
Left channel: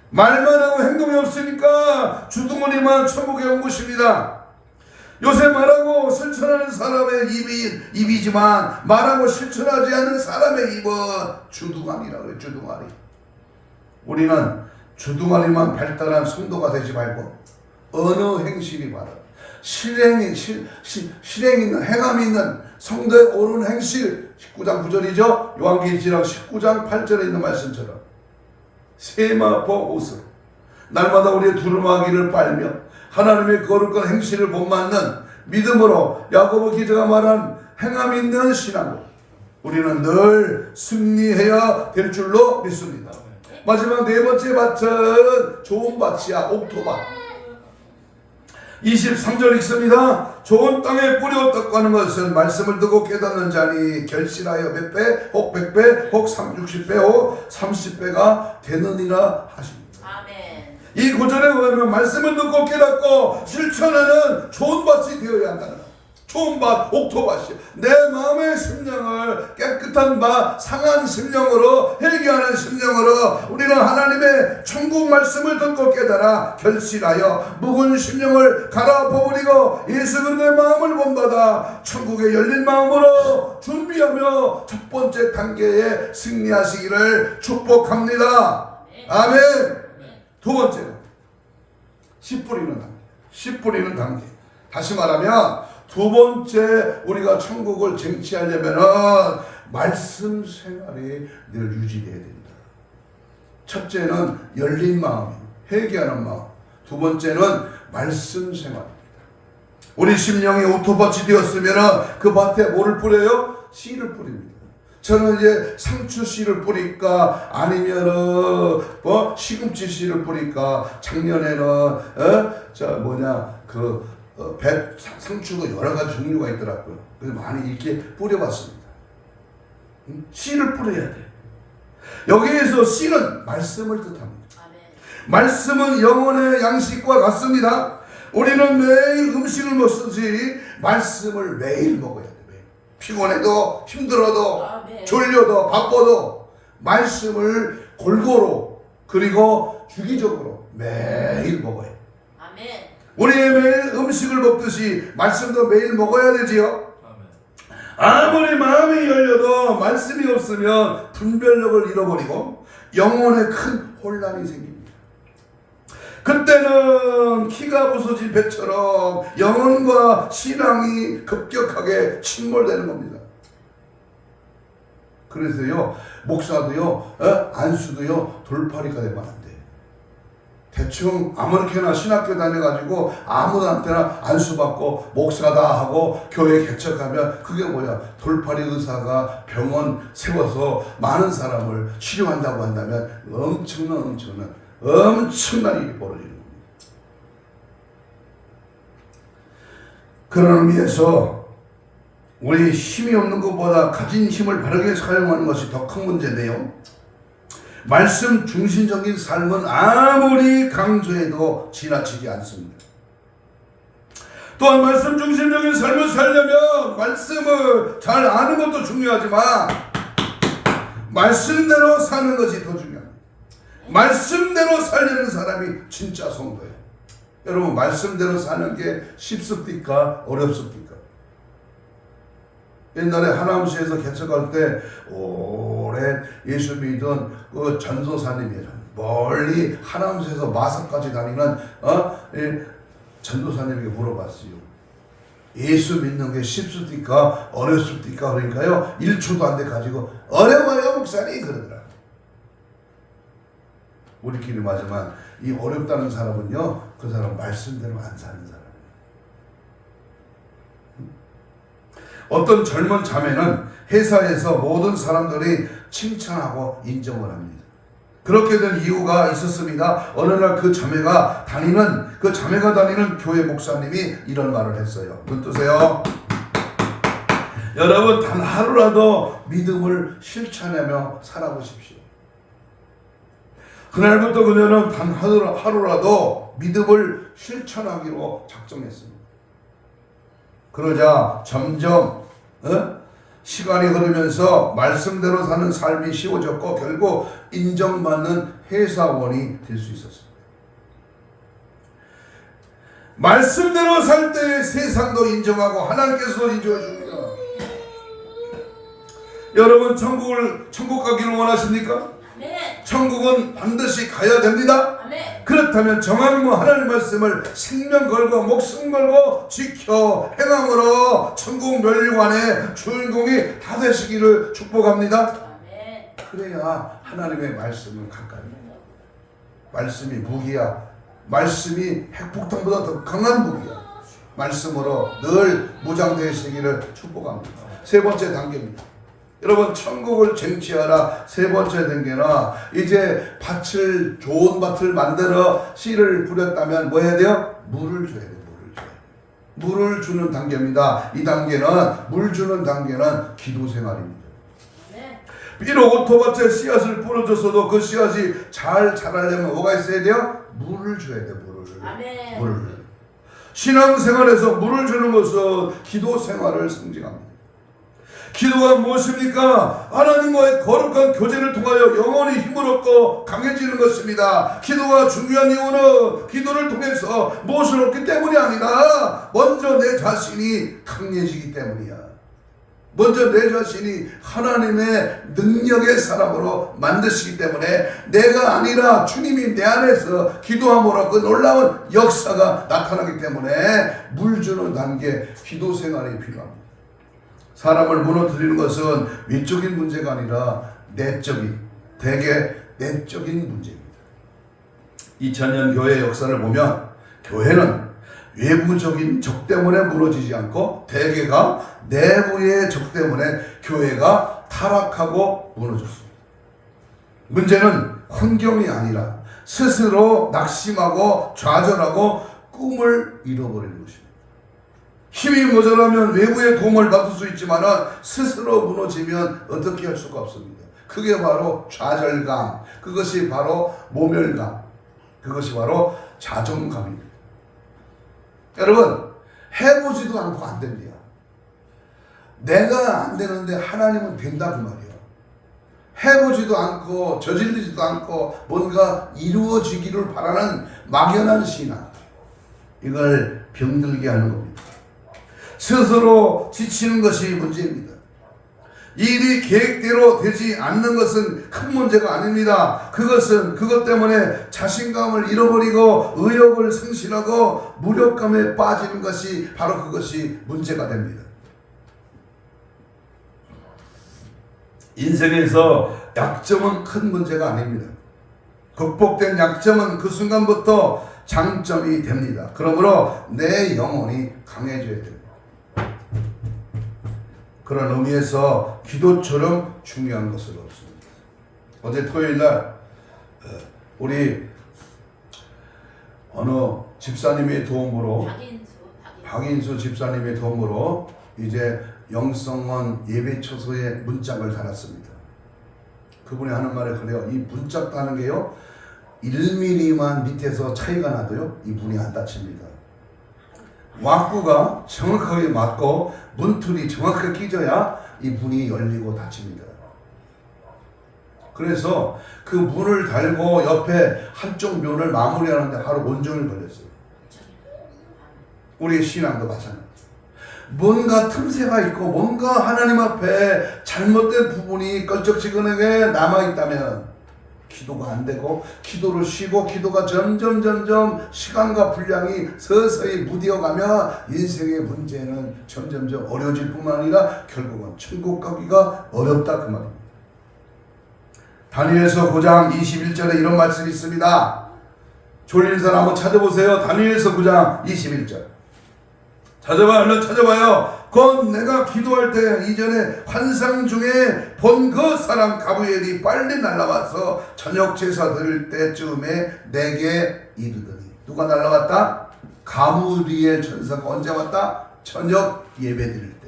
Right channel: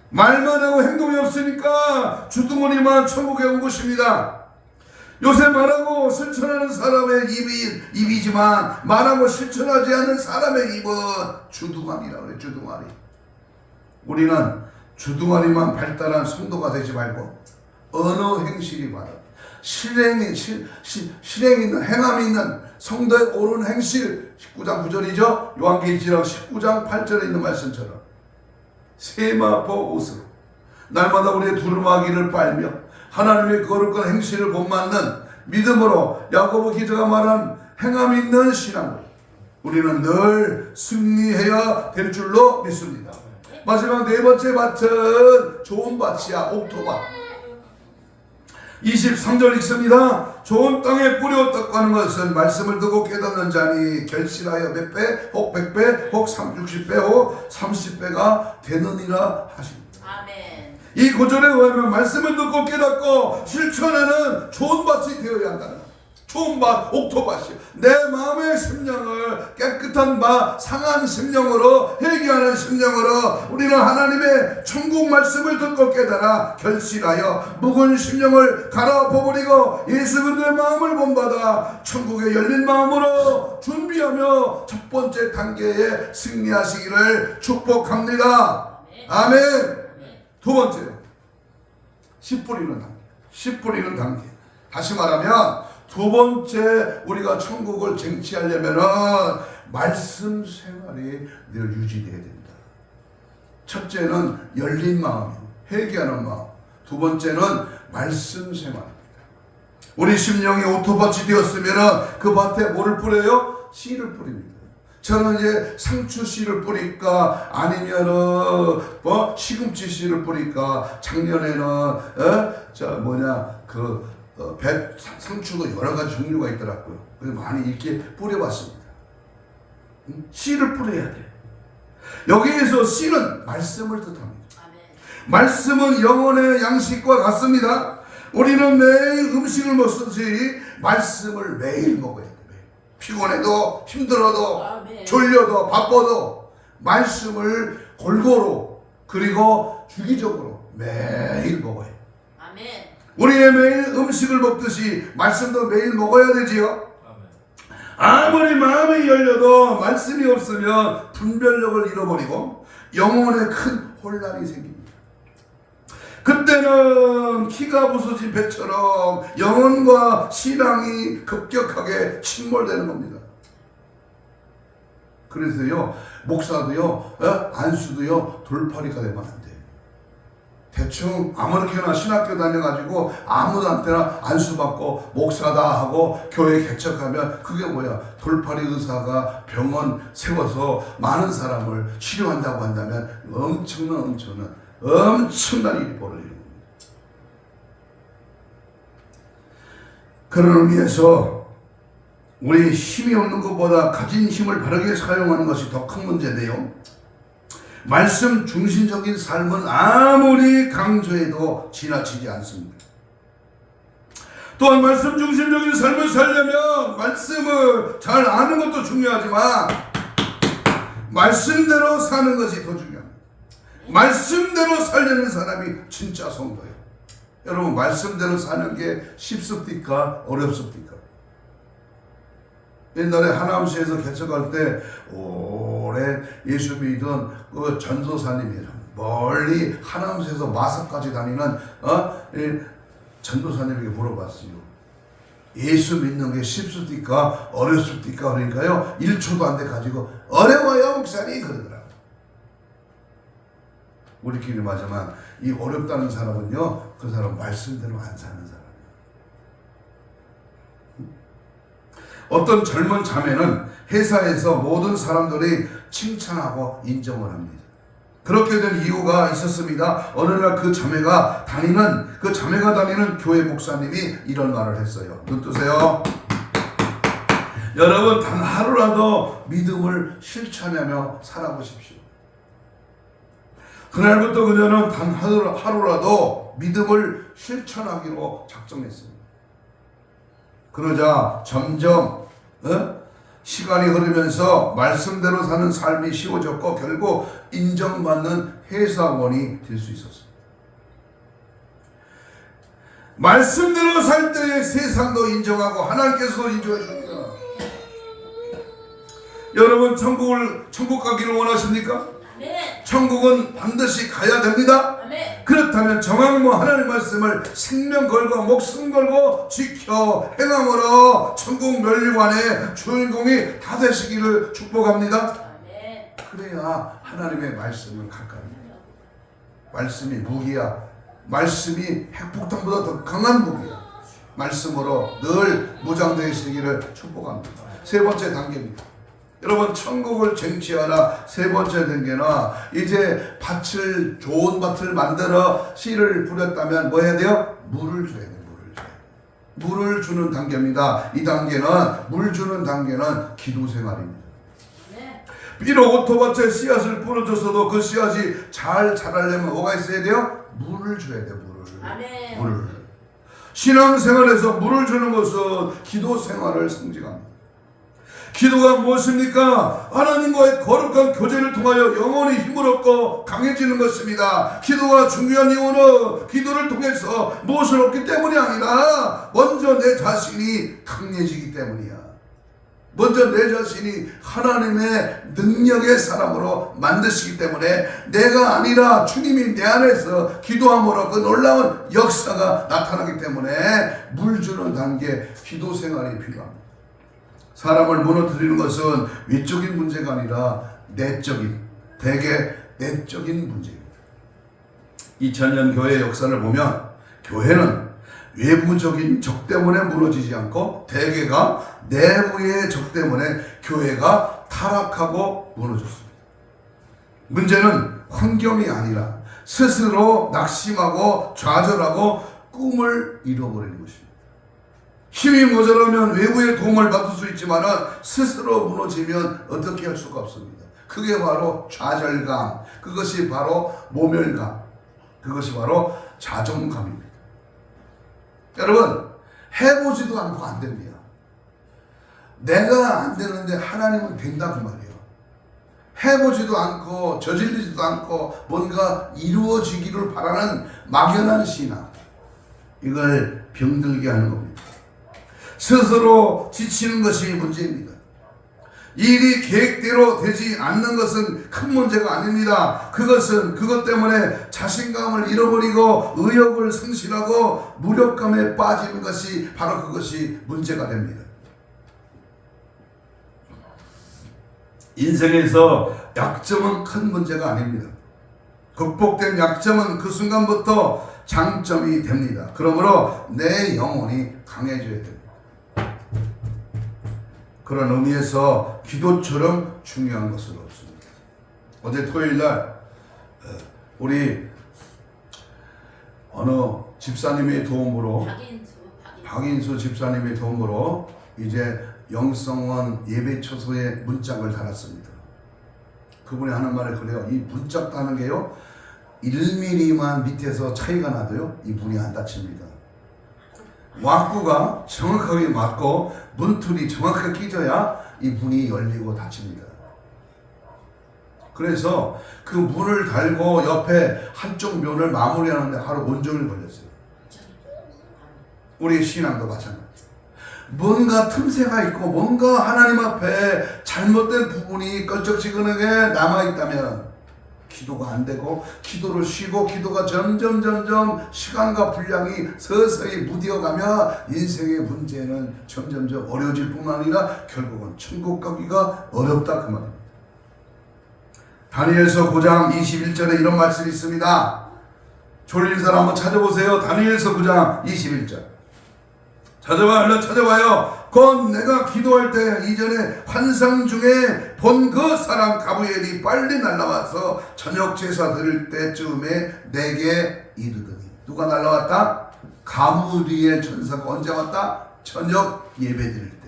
말만 하고 행동이 없으니까 주둥이만 천국에 온 것입니다. 요새 말하고 실천하는 사람의 입이지만 말하고 실천하지 않는 사람의 입은 주둥아리라고 해요. 주둥아리. 우리는 주둥아리만 발달한 성도가 되지 말고 언어 행실이 바로 실행 있는 행함이 있는 성도의 옳은 행실, 19장 9절이죠. 요한계시록 19장 8절에 있는 말씀처럼 세마포 옷으로 날마다 우리의 두루마기를 빨며 하나님의 거룩한 행실을 본받는 믿음으로 야고보 기자가 말한 행함 있는 신앙으로 우리는 늘 승리해야 될 줄로 믿습니다. 마지막 네 번째 밭은 좋은 밭이야. 옥토밭. 23절 읽습니다. 좋은 땅에 뿌렸다고 하는 것은 말씀을 듣고 깨닫는 자니 결실하여 몇 배, 혹 100배, 혹 60배, 혹 30배가 되느니라 하십니다. 이 구절에 의하면 말씀을 듣고 깨닫고 실천하는 좋은 밭이 되어야 한다는 것. 좋은 밭, 옥토밭이요. 내 마음의 심령을 깨끗한 밭, 상한 심령으로 회개하는 심령으로 우리는 하나님의 천국 말씀을 듣고 깨달아 결실하여 묵은 심령을 갈아엎어버리고 예수 그리스도의 마음을 본받아 천국에 열린 마음으로 준비하며 첫 번째 단계에 승리하시기를 축복합니다. 아멘. 두 번째로 씨 뿌리는 단계. 씨 뿌리는 단계. 다시 말하면 두 번째 우리가 천국을 쟁취하려면은 말씀 생활이 늘 유지되어야 됩니다. 첫째는 열린 마음이요. 회개하는 마음. 두 번째는 말씀 생활입니다. 우리 심령이 오토밭이 되었으면 그 밭에 뭐를 뿌려요? 씨를 뿌립니다. 저는 이제 상추 씨를 뿌릴까 아니면은 시금치 씨를 뿌릴까. 작년에는 상추도 여러 가지 종류가 있더라고요. 그래서 많이 이렇게 뿌려봤습니다. 씨를 뿌려야 돼. 여기에서 씨는 말씀을 뜻합니다. 말씀은 영혼의 양식과 같습니다. 우리는 매일 음식을 먹듯이 말씀을 매일 먹어야 돼. 피곤해도 힘들어도 졸려도 바빠도 말씀을 골고루 그리고 주기적으로 매일 먹어야 돼. 우리의 매일 음식을 먹듯이 말씀도 매일 먹어야 되지요. 아무리 마음이 열려도 말씀이 없으면 분별력을 잃어버리고 영혼에 큰 혼란이 생깁니다. 그때는 키가 부서진 배처럼 영혼과 신앙이 급격하게 침몰되는 겁니다. 그래서요, 목사도요, 안수도요, 돌팔이가 되면 안 돼요. 대충 아무렇게나 신학교 다녀가지고 아무한테나 안수받고 목사다 하고 교회 개척하면 그게 뭐야? 돌팔이 의사가 병원 세워서 많은 사람을 치료한다고 한다면 엄청난 일이 벌어지는 겁니다. 그런 의미에서 우리 힘이 없는 것보다 가진 힘을 바르게 사용하는 것이 더 큰 문제인데요. 말씀 중심적인 삶은 아무리 강조해도 지나치지 않습니다. 또한 말씀 중심적인 삶을 살려면 말씀을 잘 아는 것도 중요하지만 말씀대로 사는 것이 더 중요합니다. 말씀대로 살려는 사람이 진짜 성도예요. 여러분, 말씀대로 사는 게 쉽습니까? 어렵습니까? 옛날에 하남시에서 개척할 때 오랜 예수 믿은 그 전도사님이에요. 멀리 하남시에서 마사까지 다니는 전도사님에게 물어봤어요. 예수 믿는 게 쉽습니까? 어렵습니까? 그러니까요, 1초도 안 돼 가지고 어려워요 목사님 그러더라고요. 우리끼리 맞지만 이 어렵다는 사람은요, 그 사람 말씀대로 안 사는 사람. 어떤 젊은 자매는 회사에서 모든 사람들이 칭찬하고 인정을 합니다. 그렇게 된 이유가 있었습니다. 어느 날 그 자매가 다니는 교회 목사님이 이런 말을 했어요. 눈 뜨세요. 여러분, 단 하루라도 믿음을 실천하며 살아보십시오. 그날부터 그녀는 단 하루라도 믿음을 실천하기로 작정했습니다. 그러자 점점 시간이 흐르면서 말씀대로 사는 삶이 쉬워졌고 결국 인정받는 회사원이 될 수 있었습니다. 말씀대로 살 때 세상도 인정하고 하나님께서도 인정해 줍니다. 여러분, 천국 가기를 원하십니까? 아멘. 천국은 반드시 가야 됩니다. 아멘. 그렇다면 정확무 하나님의 말씀을 생명 걸고 목숨 걸고 지켜 행함으로 천국 멸관의 주인공이 다 되시기를 축복합니다. 아멘. 그래야 하나님의 말씀을 가까이. 말씀이 무기야. 말씀이 핵폭탄보다 더 강한 무기야. 말씀으로 늘 무장되시기를 축복합니다. 세 번째 단계입니다. 여러분, 천국을 쟁취하라. 세 번째 단계는 이제 좋은 밭을 만들어 씨를 뿌렸다면 뭐 해야 돼요? 물을 줘야 돼요. 물을 주는 단계입니다. 이 단계는, 물 주는 단계는 기도 생활입니다. 비록 오토밭에 씨앗을 뿌려줬어도 그 씨앗이 잘 자라려면 뭐가 있어야 돼요? 물을 줘야 돼요. 물을. 신앙생활에서 물을 주는 것은 기도 생활을 상징합니다. 기도가 무엇입니까? 하나님과의 거룩한 교제를 통하여 영혼이 힘을 얻고 강해지는 것입니다. 기도가 중요한 이유는 기도를 통해서 무엇을 얻기 때문이 아니라 먼저 내 자신이 강해지기 때문이야. 먼저 내 자신이 하나님의 능력의 사람으로 만드시기 때문에 내가 아니라 주님이 내 안에서 기도함으로 그 놀라운 역사가 나타나기 때문에 물 주는 단계, 기도 생활이 필요합니다. 사람을 무너뜨리는 것은 위적인 문제가 아니라 대개 내적인 문제입니다. 2000년 교회의 역사를 보면 교회는 외부적인 적 때문에 무너지지 않고 대개가 내부의 적 때문에 교회가 타락하고 무너졌습니다. 문제는 환경이 아니라 스스로 낙심하고 좌절하고 꿈을 잃어버리는 것입니다. 힘이 모자라면 외부의 도움을 받을 수 있지만 스스로 무너지면 어떻게 할 수가 없습니다. 그게 바로 좌절감, 그것이 바로 모멸감, 그것이 바로 자존감입니다. 여러분, 해보지도 않고 안 됩니다. 내가 안 되는데 하나님은 된다 그 말이에요. 해보지도 않고 저질리지도 않고 뭔가 이루어지기를 바라는 막연한 신앙, 이걸 병들게 하는 겁니다. 스스로 지치는 것이 문제입니다. 일이 계획대로 되지 않는 것은 큰 문제가 아닙니다. 그것 때문에 자신감을 잃어버리고 의욕을 상실하고 무력감에 빠지는 것이 바로 그것이 문제가 됩니다. 인생에서 약점은 큰 문제가 아닙니다. 극복된 약점은 그 순간부터 장점이 됩니다. 그러므로 내 영혼이 강해져야 됩니다. 그런 의미에서 기도처럼 중요한 것은 없습니다. 어제 토요일날 우리 어느 집사님의 도움으로 박인수 집사님의 도움으로 이제 영성원 예배처소에 문짝을 달았습니다. 그분이 하는 말에 그래요. 이 문짝 다는 게요 1mm만 밑에서 차이가 나도요 이분이 안 다칩니다. 와꾸가 정확하게 맞고 문틀이 정확하게 끼져야 이 문이 열리고 닫힙니다. 그래서 그 문을 달고 옆에 한쪽 면을 마무리하는데 하루 온종일 걸렸어요. 우리의 신앙도 마찬가지. 뭔가 틈새가 있고 뭔가 하나님 앞에 잘못된 부분이 껄쩍지근하게 남아있다면 기도가 안 되고 기도를 쉬고 기도가 점점 시간과 분량이 서서히 무뎌가며 인생의 문제는 점점 어려워질 뿐만 아니라 결국은 천국 가기가 어렵다 그 말입니다. 다니엘서 9장 21절에 이런 말씀이 있습니다. 졸린 사람 한번 찾아보세요. 다니엘서 9장 21절. 찾아봐요. 얼른 찾아봐요. 곧 내가 기도할 때 이전에 환상 중에 본 그 사람 가브리엘이 빨리 날아와서 저녁 제사 드릴 때쯤에 내게 이르더니. 누가 날아왔다? 가브리엘 천사가 언제 왔다? 저녁 예배 드릴 때.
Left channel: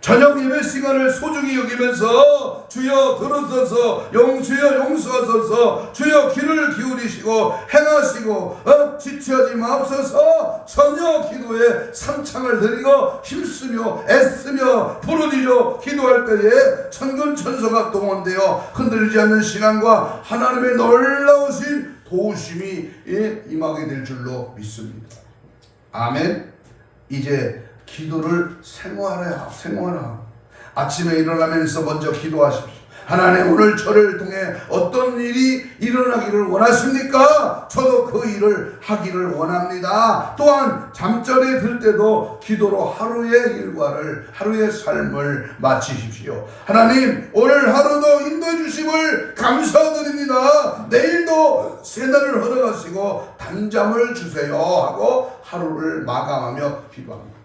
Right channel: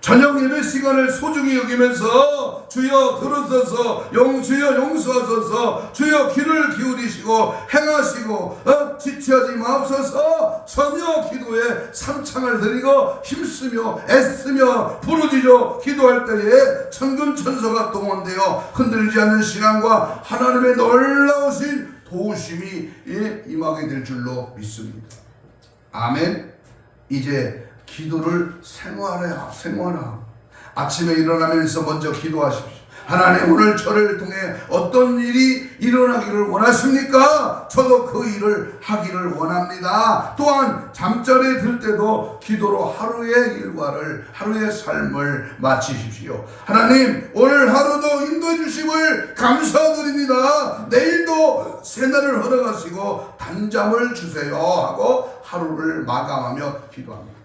저녁 예배 시간을 소중히 여기면서 주여 들어서서 주여 용서하소서 주여 귀를 기울이시고 행하시고 지체하지 마옵소서. 저녁 기도에 상창을 드리고 힘쓰며 애쓰며 부르짖어 기도할 때에 천군 천사가 동원되어 흔들리지 않는 신앙과 하나님의 놀라우신 도우심이 임하게 될 줄로 믿습니다. 아멘. 이제 기도를 생활하라. 아침에 일어나면서 먼저 기도하십시오. 하나님, 오늘 저를 통해 어떤 일이 일어나기를 원하십니까? 저도 그 일을 하기를 원합니다. 또한 잠자리에 들 때도 기도로 하루의 일과를, 하루의 삶을 마치십시오. 하나님, 오늘 하루도 인도해 주심을 감사드립니다. 내일도 새날을 허락하시고 단잠을 주세요 하고 하루를 마감하며 기도합니다.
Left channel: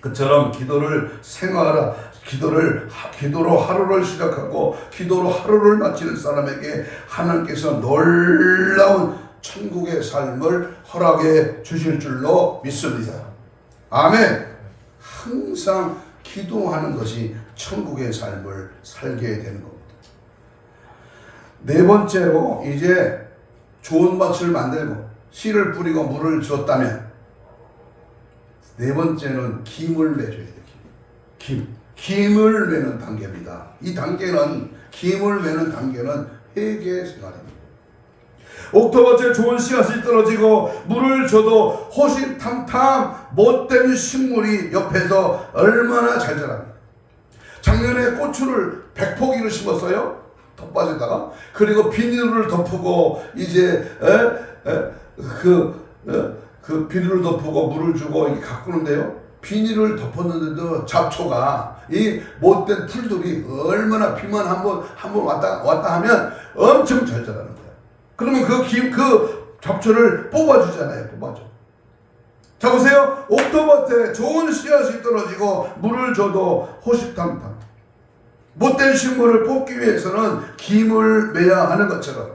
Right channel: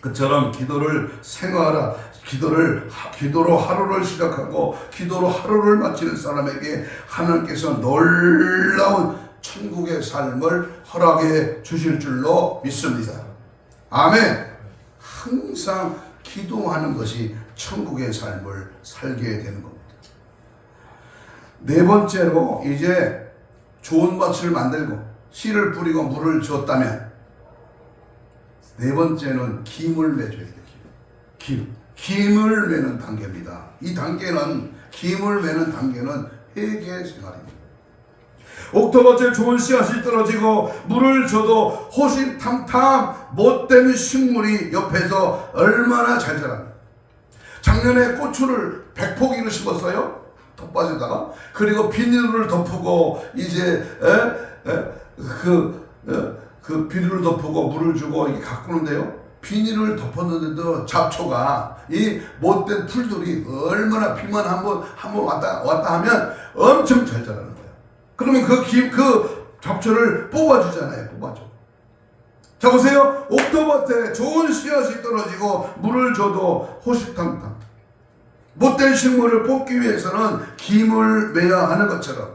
그처럼 기도를 생활하라. 기도로 하루를 시작하고 기도로 하루를 마치는 사람에게 하나님께서 놀라운 천국의 삶을 허락해 주실 줄로 믿습니다. 아멘. 항상 기도하는 것이 천국의 삶을 살게 되는 겁니다. 네 번째로 이제 좋은 밭을 만들고 씨를 뿌리고 물을 줬다면 네 번째는 김을 매줘야 돼요. 김을 매는 단계입니다. 이 단계는 김을 매는 단계는 회개 생활입니다. 옥토밭에 좋은 씨앗이 떨어지고 물을 줘도 호시탐탐 못된 식물이 옆에서 얼마나 잘 자랍니다. 작년에 고추를 100포기를 심었어요. 텃밭에다가. 그리고 비닐을 덮고 이제 그 비닐을 덮고 물을 주고 이게 가꾸는데요. 비닐을 덮었는데도 잡초가 이 못된 풀들이 얼마나 비만 한번 왔다 하면 엄청 잘 자라는 거야. 그러면 그 잡초를 뽑아주잖아요. 뽑아줘. 자 보세요. 옥토밭에 좋은 씨앗이 떨어지고 물을 줘도 호시탐탐 못된 식물을 뽑기 위해서는 김을 매야 하는 것처럼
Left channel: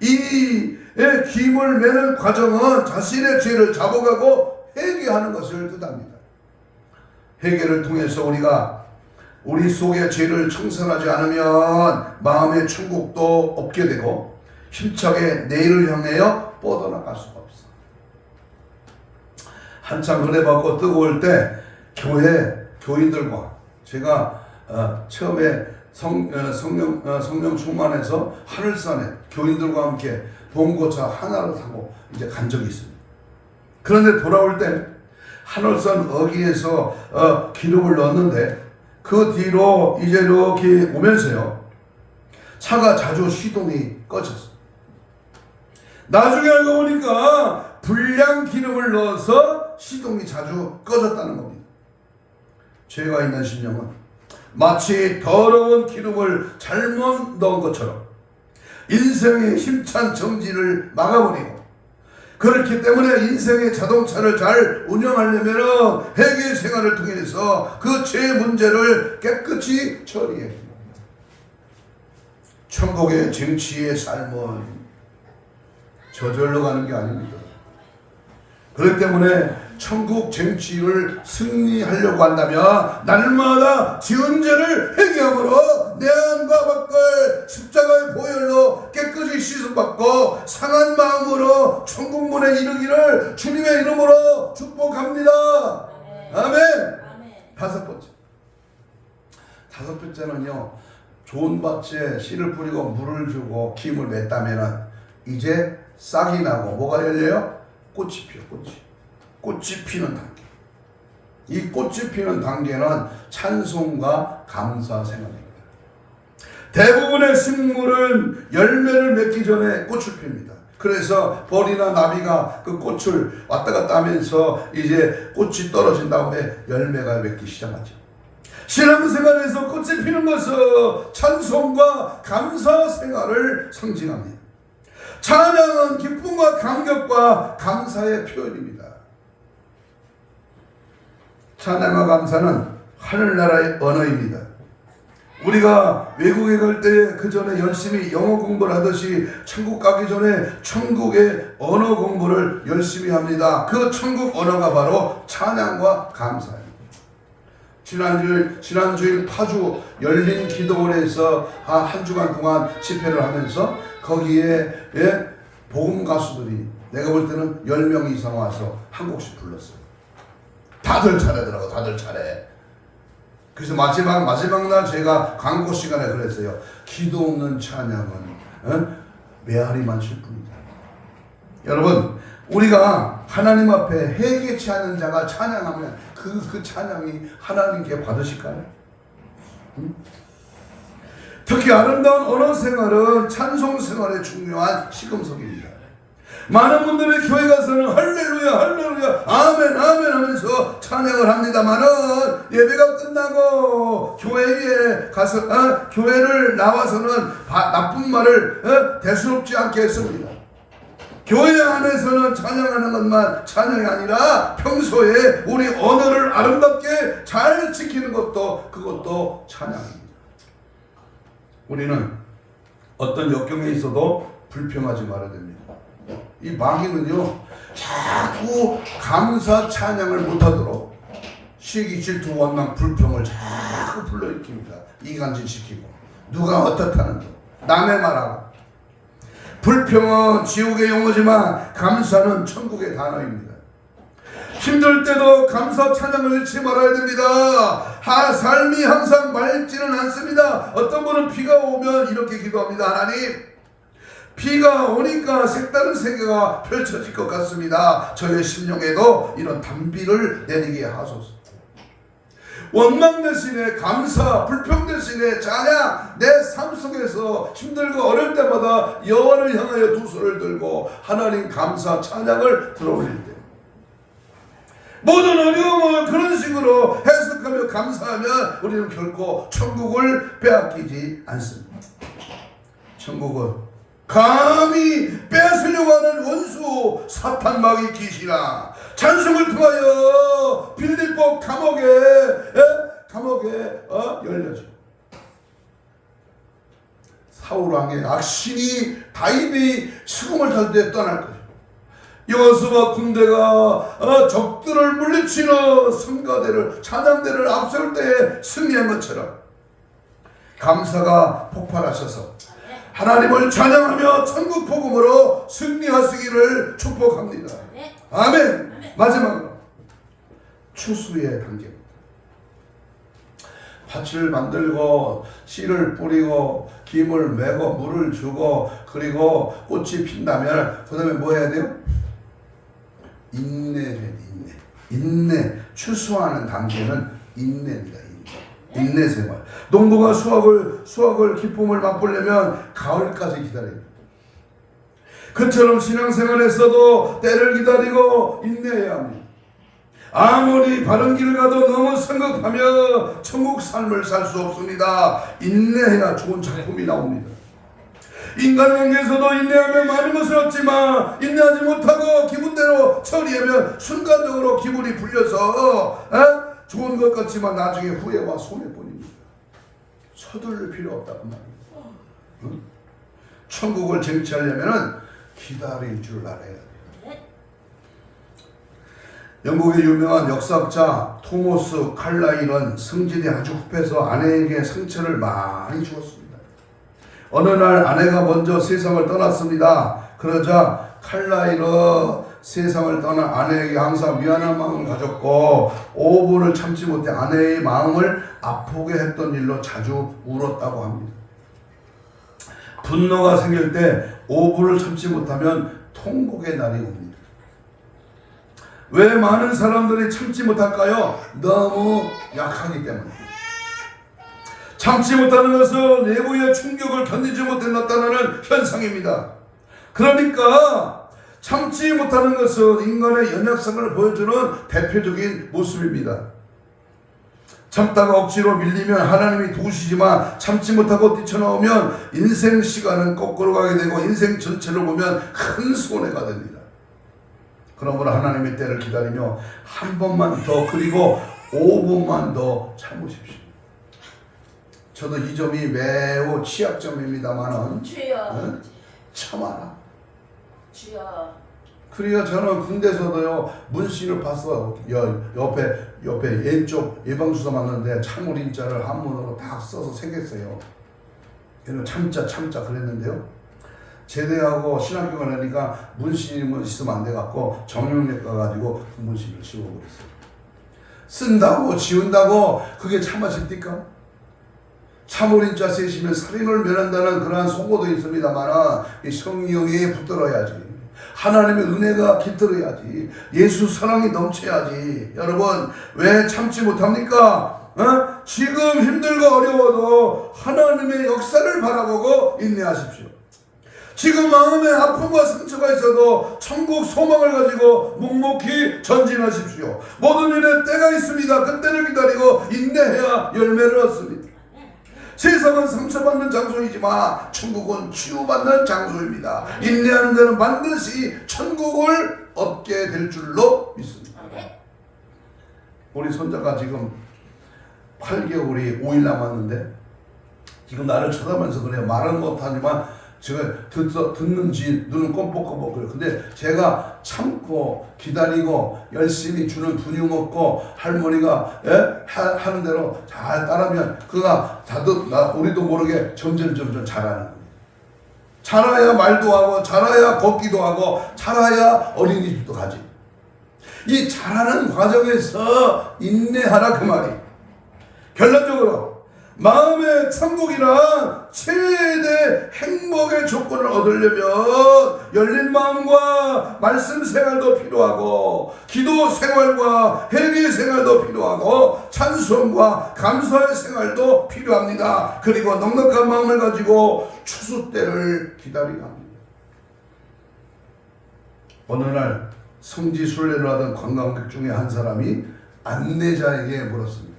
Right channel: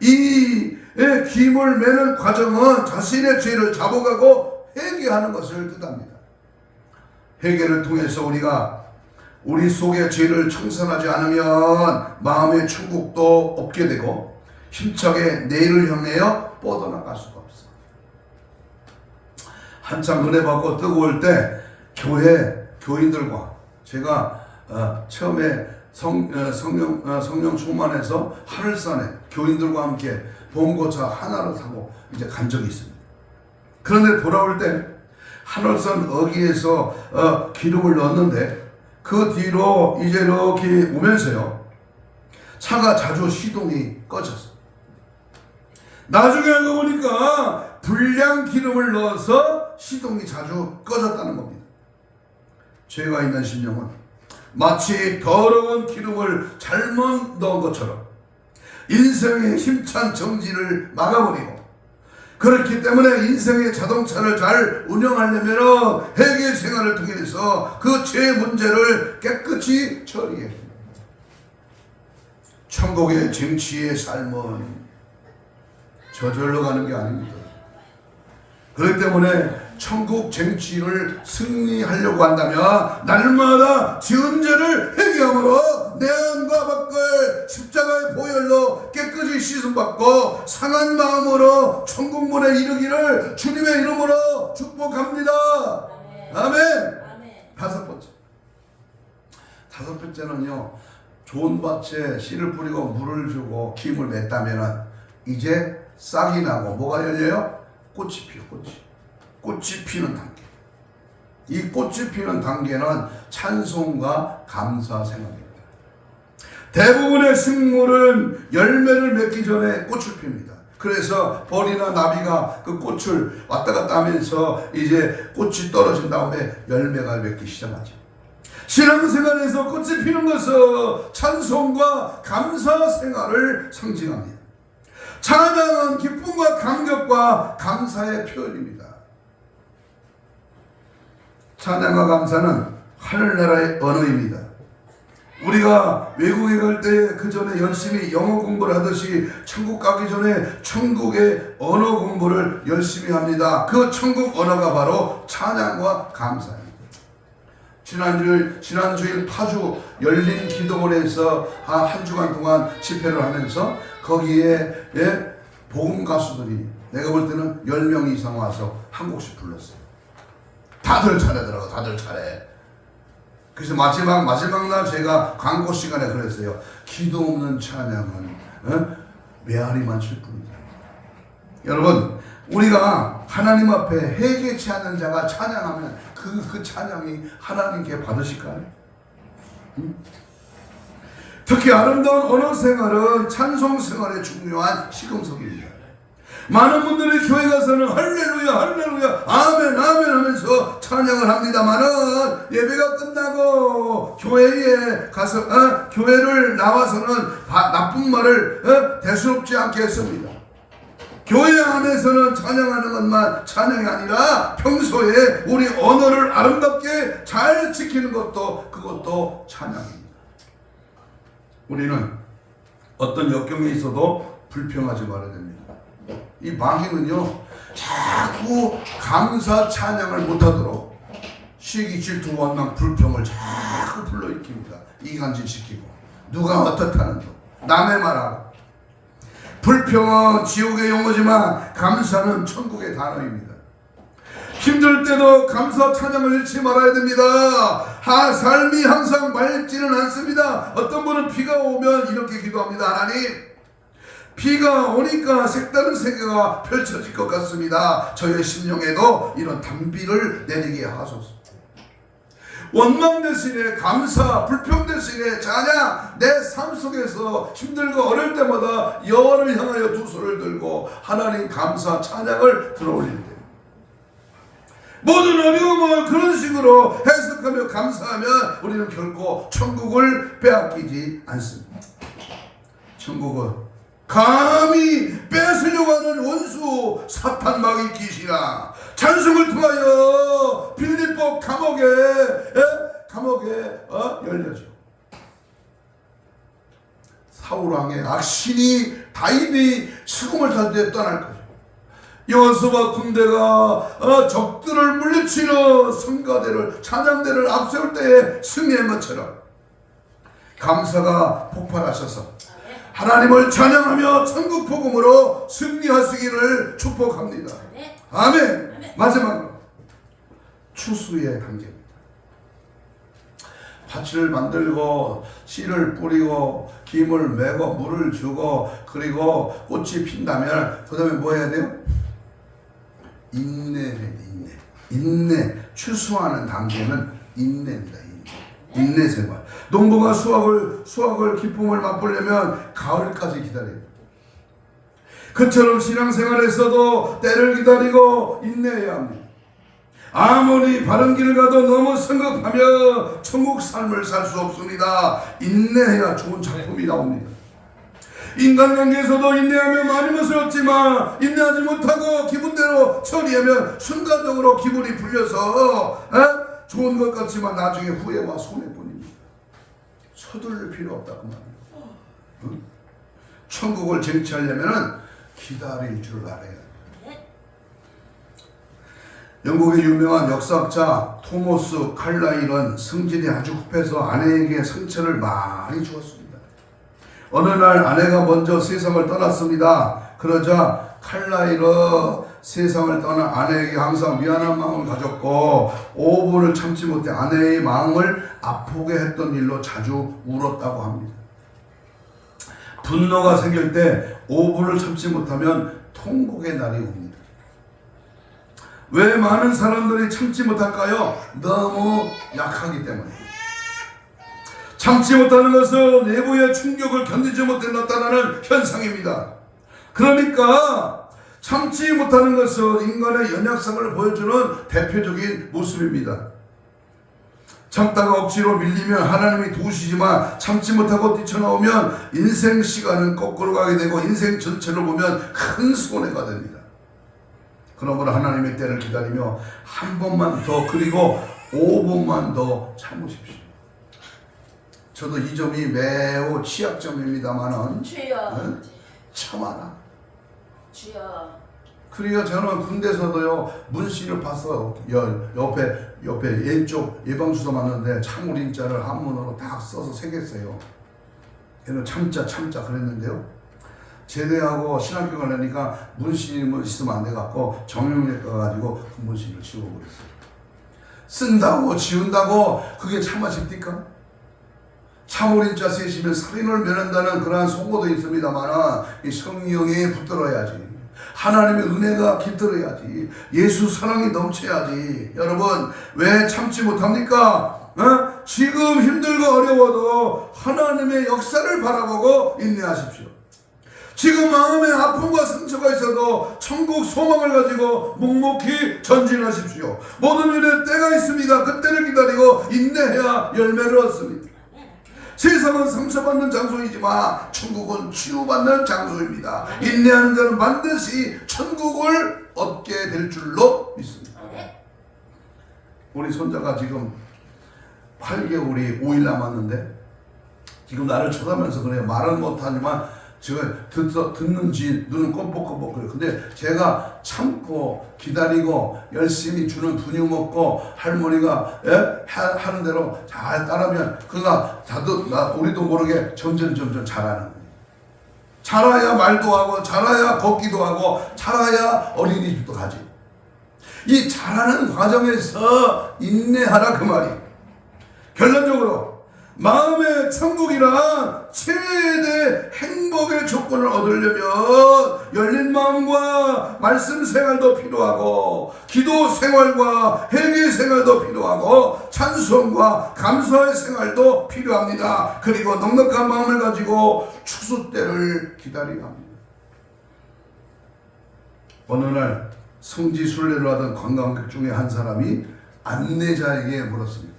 이 김을 매는 과정은 자신의 죄를 잡아가고 회개하는 것을 뜻합니다. 회개를 통해서 우리가 우리 속의 죄를 청산하지 않으면 마음의 천국도 없게 되고 힘차게 내일을 향하여 뻗어나갈 수가 없어. 한참 은혜 받고 뜨거울 때 교인들과 제가 처음에 성령 충만해서 하늘산에 교인들과 함께 봉고차 하나를 타고 이제 간 적이 있습니다. 그런데 돌아올 때 하늘산 어귀에서 기름을 넣었는데 그 뒤로 이제 이렇게 오면서요 차가 자주 시동이 꺼졌어. 나중에 알고 보니까 불량 기름을 넣어서 시동이 자주 꺼졌다는 겁니다. 죄가 있는 심령은 마치 더러운 기름을 잘못 넣은 것처럼 인생의 힘찬 정지를 막아버리고, 그렇기 때문에 인생의 자동차를 잘 운영하려면 회개 생활을 통해서 그 죄 문제를 깨끗이 처리해 줍니다. 천국의 정치의 삶은 저절로 가는 게 아닙니다. 그렇기 때문에 천국 정치를 승리하려고 한다면 날마다 지은 죄를 회개함으로 내 안과 밖을 십자가의 보혈로 깨끗이 씻음받고 상한 마음으로 천국 문에 이르기를 주님의 이름으로 축복합니다. 아멘. 다섯 번째는요, 좋은 밭에 씨를 뿌리고 물을 주고 김을 맺다면은 이제 싹이 나고 뭐가 열려요? 꽃이 피어. 꽃이 피는 단계. 이 꽃이 피는 단계는 찬송과 감사 생활입니다. 대부분의 식물은 열매를 맺기 전에 꽃을 핍니다. 그래서 벌이나 나비가 그 꽃을 왔다 갔다 하면서 이제 꽃이 떨어진 다음에 열매가 맺기 시작하죠. 신앙생활에서 꽃이 피는 것은 찬송과 감사 생활을 상징합니다. 찬양은 기쁨과 감격과 감사의 표현입니다. 찬양과 감사는 하늘나라의 언어입니다. 우리가 외국에 갈 때 그 전에 열심히 영어 공부를 하듯이 천국 가기 전에 천국의 언어 공부를 열심히 합니다. 그 천국 언어가 바로 찬양과 감사입니다. 지난주일 파주 열린 기도원에서 한 주간 동안 집회를 하면서 거기에 복음 가수들이 내가 볼 때는 10명 이상 와서 한 곡씩 불렀어요. 다들 잘하더라고. 다들 잘해. 그래서 마지막 날 제가 광고 시간에 그랬어요. 기도 없는 찬양은 메아리만 칠 뿐이다. 여러분, 우리가 하나님 앞에 회개치 않은 자가 찬양하면 그 찬양이 하나님께 받으실까요? 특히 아름다운 언어 생활은 찬송 생활의 중요한 시금석입니다. 많은 분들이 교회 가서는 할렐루야 할렐루야 아멘 아멘 하면서 찬양을 합니다만은 예배가 끝나고 교회에 가서 교회를 나와서는 나쁜 말을 대수롭지 않게 했습니다. 교회 안에서는 찬양하는 것만 찬양이 아니라 평소에 우리 언어를 아름답게 잘 지키는 것도 그것도 찬양입니다. 우리는 어떤 역경에 있어도 불평하지 말아야 됩니다. 이 마귀는요 자꾸 감사 찬양을 못하도록 시기 질투 원망 불평을 자꾸 불러일으킵니다. 이간질 시키고 누가 어떻다는 거 남의 말하고. 불평은 지옥의 용어지만 감사는 천국의 단어입니다. 힘들 때도 감사 찬양을 잃지 말아야 됩니다. 삶이 항상 맑지는 않습니다. 어떤 분은 비가 오면 이렇게 기도합니다. 하나님, 비가 오니까 색다른 세계가 펼쳐질 것 같습니다. 저의 심령에도 이런 단비를 내리게 하소서. 원망 대신에 감사, 불평 대신에 찬양. 내 삶 속에서 힘들고 어려울 때마다 여호와를 향하여 두 손을 들고 하나님 감사 찬양을 들어올릴 때 모든 어려움을 그런 식으로 해석하며 감사하면 우리는 결코 천국을 빼앗기지 않습니다. 천국은 감히 뺏으려고 하는 원수 사탄 마귀 귀신아 찬송을 통하여 빌립보 감옥에 열려져. 사울왕의 악신이 다윗이 수금을 탈 때 떠날 거죠. 여호수아 군대가 적들을 물리치러 성가대를 찬양대를 앞세울 때에 승리한 것처럼 감사가 폭발하셔서 하나님을 찬양하며 천국 복음으로 승리하시기를 축복합니다. 아멘. 마지막으로 추수의 단계입니다. 밭을 만들고 씨를 뿌리고 김을 메고 물을 주고 그리고 꽃이 핀다면 그 다음에 뭐 해야 돼요? 인내. 추수하는 단계는 인내입니다. 인내 생활. 농부가 수확을 기쁨을 맛보려면 가을까지 기다려요. 그처럼 신앙생활에서도 때를 기다리고 인내해야 합니다. 아무리 바른 길 가도 너무 성급하며 천국 삶을 살 수 없습니다. 인내해야 좋은 작품이 나옵니다. 인간관계에서도 인내하면 많이 멋스럽지만 인내하지 못하고 기분대로 처리하면 순간적으로 기분이 풀려서 좋은 것 같지만 나중에 후회와 손해뿐입니다. 서두를 필요 없다 그 말입니다. 응? 천국을 쟁취하려면 기다릴 줄 알아야 돼요. 영국의 유명한 역사학자 토머스 칼라일은 성질이 아주 급해서 아내에게 상처를 많이 주었습니다. 어느 날 아내가 먼저 세상을 떠났습니다. 그러자 칼라일은 세상을 떠난 아내에게 항상 미안한 마음을 가졌고 오부를 참지 못해 아내의 마음을 아프게 했던 일로 자주 울었다고 합니다. 분노가 생길 때 오부를 참지 못하면 통곡의 날이 옵니다. 왜 많은 사람들이 참지 못할까요? 너무 약하기 때문에. 참지 못하는 것은 내부의 충격을 견디지 못해 나타나는 현상입니다. 그러니까 참지 못하는 것은 인간의 연약성을 보여주는 대표적인 모습입니다. 참다가 억지로 밀리면 하나님이 도우시지만 참지 못하고 뛰쳐나오면 인생 시간은 거꾸로 가게 되고 인생 전체를 보면 큰 손해가 됩니다. 그러므로 하나님의 때를 기다리며 한 번만 더 그리고 5분만 더 참으십시오. 저도 이 점이 매우 취약점입니다만은 참아라. 주여. 그러니까 저는 군대에서도요 문씨를 봤어요. 옆에 왼쪽 예방주사 맞는데 참으림자를 한문으로 다 써서 새겼어요. 걔는 참자 그랬는데요. 제대하고 신학교 가려니까 문씨는 있으면 안 돼갖고 정형외과 가지고 그 문씨를 지워버렸어요. 쓴다고 지운다고 그게 참아집니까? 참으림자 쓰시면 살인을 면한다는 그러한 속어도 있습니다만 이 성령이 붙들어야지. 하나님의 은혜가 깃들어야지. 예수 사랑이 넘쳐야지. 여러분 왜 참지 못합니까? 지금 힘들고 어려워도 하나님의 역사를 바라보고 인내하십시오. 지금 마음에 아픔과 상처가 있어도 천국 소망을 가지고 묵묵히 전진하십시오. 모든 일에 때가 있습니다. 그때를 기다리고 인내해야 열매를 얻습니다. 세상은 상처받는 장소이지만 천국은 치유받는 장소입니다. 인내하는 자는 반드시 천국을 얻게 될 줄로 믿습니다. 우리 손자가 지금 8개월이 5일 남았는데 지금 나를 쳐다보면서 그래요. 말은 못하지만 제가 듣는지 눈은 껌뻑껌뻑 그래요. 근데 제가 참고 기다리고 열심히 주는 분유 먹고 할머니가 하는 대로 잘 따르면 그가 우리도 모르게 점점 잘하는 거예요. 자라야 말도 하고 자라야 걷기도 하고 자라야 어린이집도 가지. 이 자라는 과정에서 인내하라 그 말이. 결론적으로 마음의 천국이란 최대 행복의 조건을 얻으려면 열린 마음과 말씀 생활도 필요하고 기도 생활과 회개 생활도 필요하고 찬송과 감사의 생활도 필요합니다. 그리고 넉넉한 마음을 가지고 추수 때를 기다려야 합니다. 어느 날 성지순례를 하던 관광객 중에 한 사람이 안내자에게 물었습니다.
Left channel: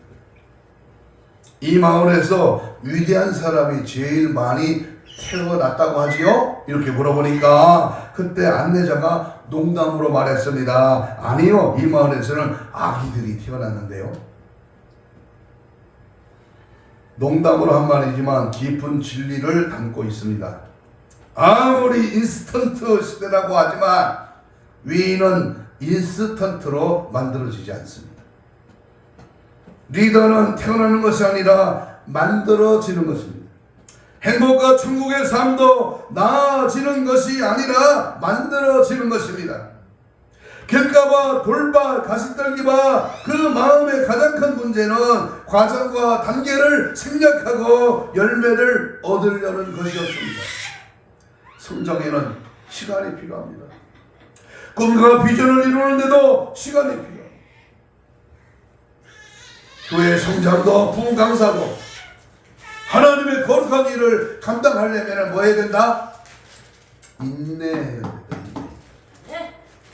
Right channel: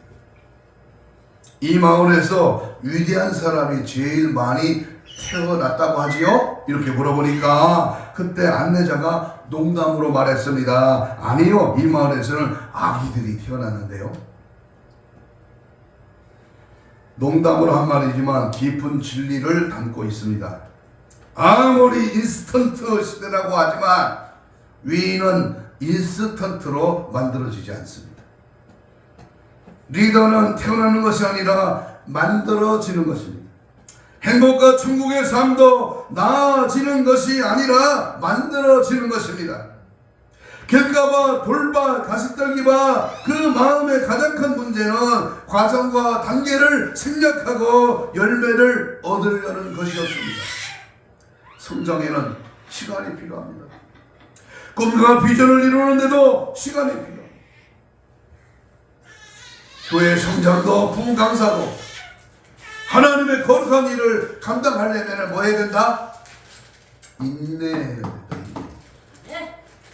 이 마을에서 위대한 사람이 제일 많이 태어났다고 하지요? 이렇게 물어보니까 그때 안내자가 농담으로 말했습니다. 아니요, 이 마을에서는 아기들이 태어났는데요. 농담으로 한 말이지만 깊은 진리를 담고 있습니다. 아무리 인스턴트 시대라고 하지만 위인은 인스턴트로 만들어지지 않습니다. 리더는 태어나는 것이 아니라 만들어지는 것입니다. 행복과 천국의 삶도 나아지는 것이 아니라 만들어지는 것입니다. 길가봐 돌봐 가시떨기봐 그 마음의 가장 큰 문제는 과정과 단계를 생략하고 열매를 얻으려는 것이었습니다. 성장에는 시간이 필요합니다. 꿈과 비전을 이루는데도 시간이 필요합니다. 교회 성장도 분강사도 하나님의 거룩한 일을 감당하려면 뭐 해야 된다? 인내해야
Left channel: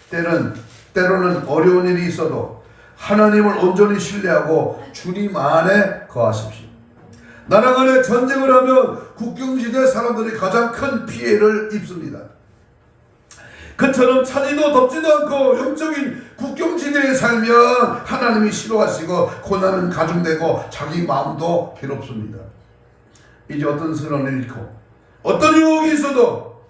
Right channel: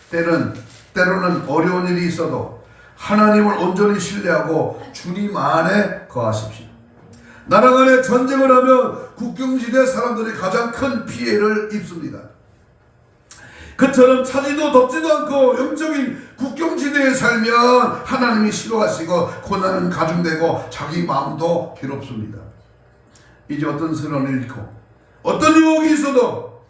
된다. 때로는 어려운 일이 있어도 하나님을 온전히 신뢰하고 주님 안에 거하십시오. 나라 간에 전쟁을 하면 국경지대 사람들이 가장 큰 피해를 입습니다. 그처럼 차지도 덥지도 않고 영적인 국경지대에 살면 하나님이 싫어하시고 고난은 가중되고 자기 마음도 괴롭습니다. 이제 어떤 선언을 잃고 어떤 유혹이 있어도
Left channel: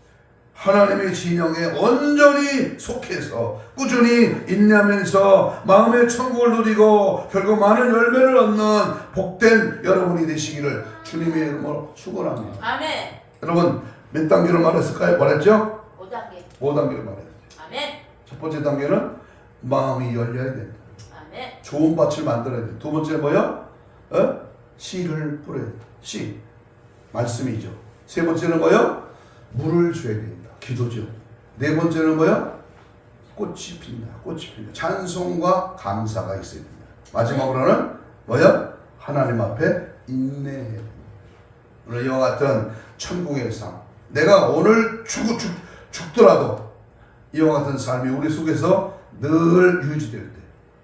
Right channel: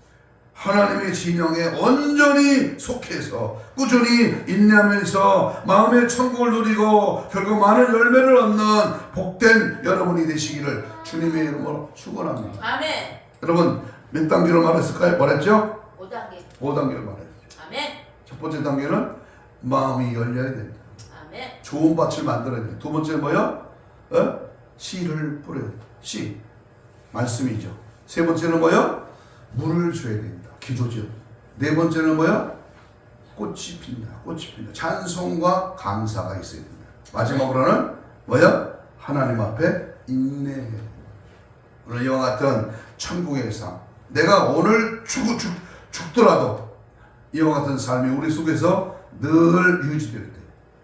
하나님의 진영에 온전히 속해서 꾸준히 인내하면서 마음의 천국을 누리고 결국 많은 열매를 얻는 복된 여러분이 되시기를 주님의 이름으로 축원합니다. 아멘. 여러분 몇 단계로 말했을까요? 뭐랬죠? 5단계. 5단계로 말했죠. 아멘. 첫 번째 단계는 마음이 열려야 된다. 아멘. 좋은 밭을 만들어야 된다. 두 번째 뭐요? 씨를 뿌려야 된다. 씨. 말씀이죠. 세 번째는 뭐요? 물을 줘야 된다. 기도죠. 네 번째는 뭐요? 꽃이 핀다. 꽃이 핀다. 찬송과 감사가 있어야 된다. 마지막으로는 뭐요? 하나님 앞에 인내해야 된다. 오늘 이와 같은 천국의 삶. 내가 오늘 죽더라도 이와 같은 삶이 우리 속에서 늘 유지될 때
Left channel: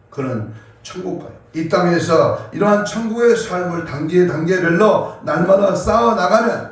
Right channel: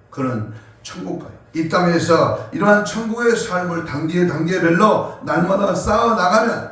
그는 천국 가요. 이 땅에서 이러한 천국의 삶을 단계별로 날마다 쌓아 나가면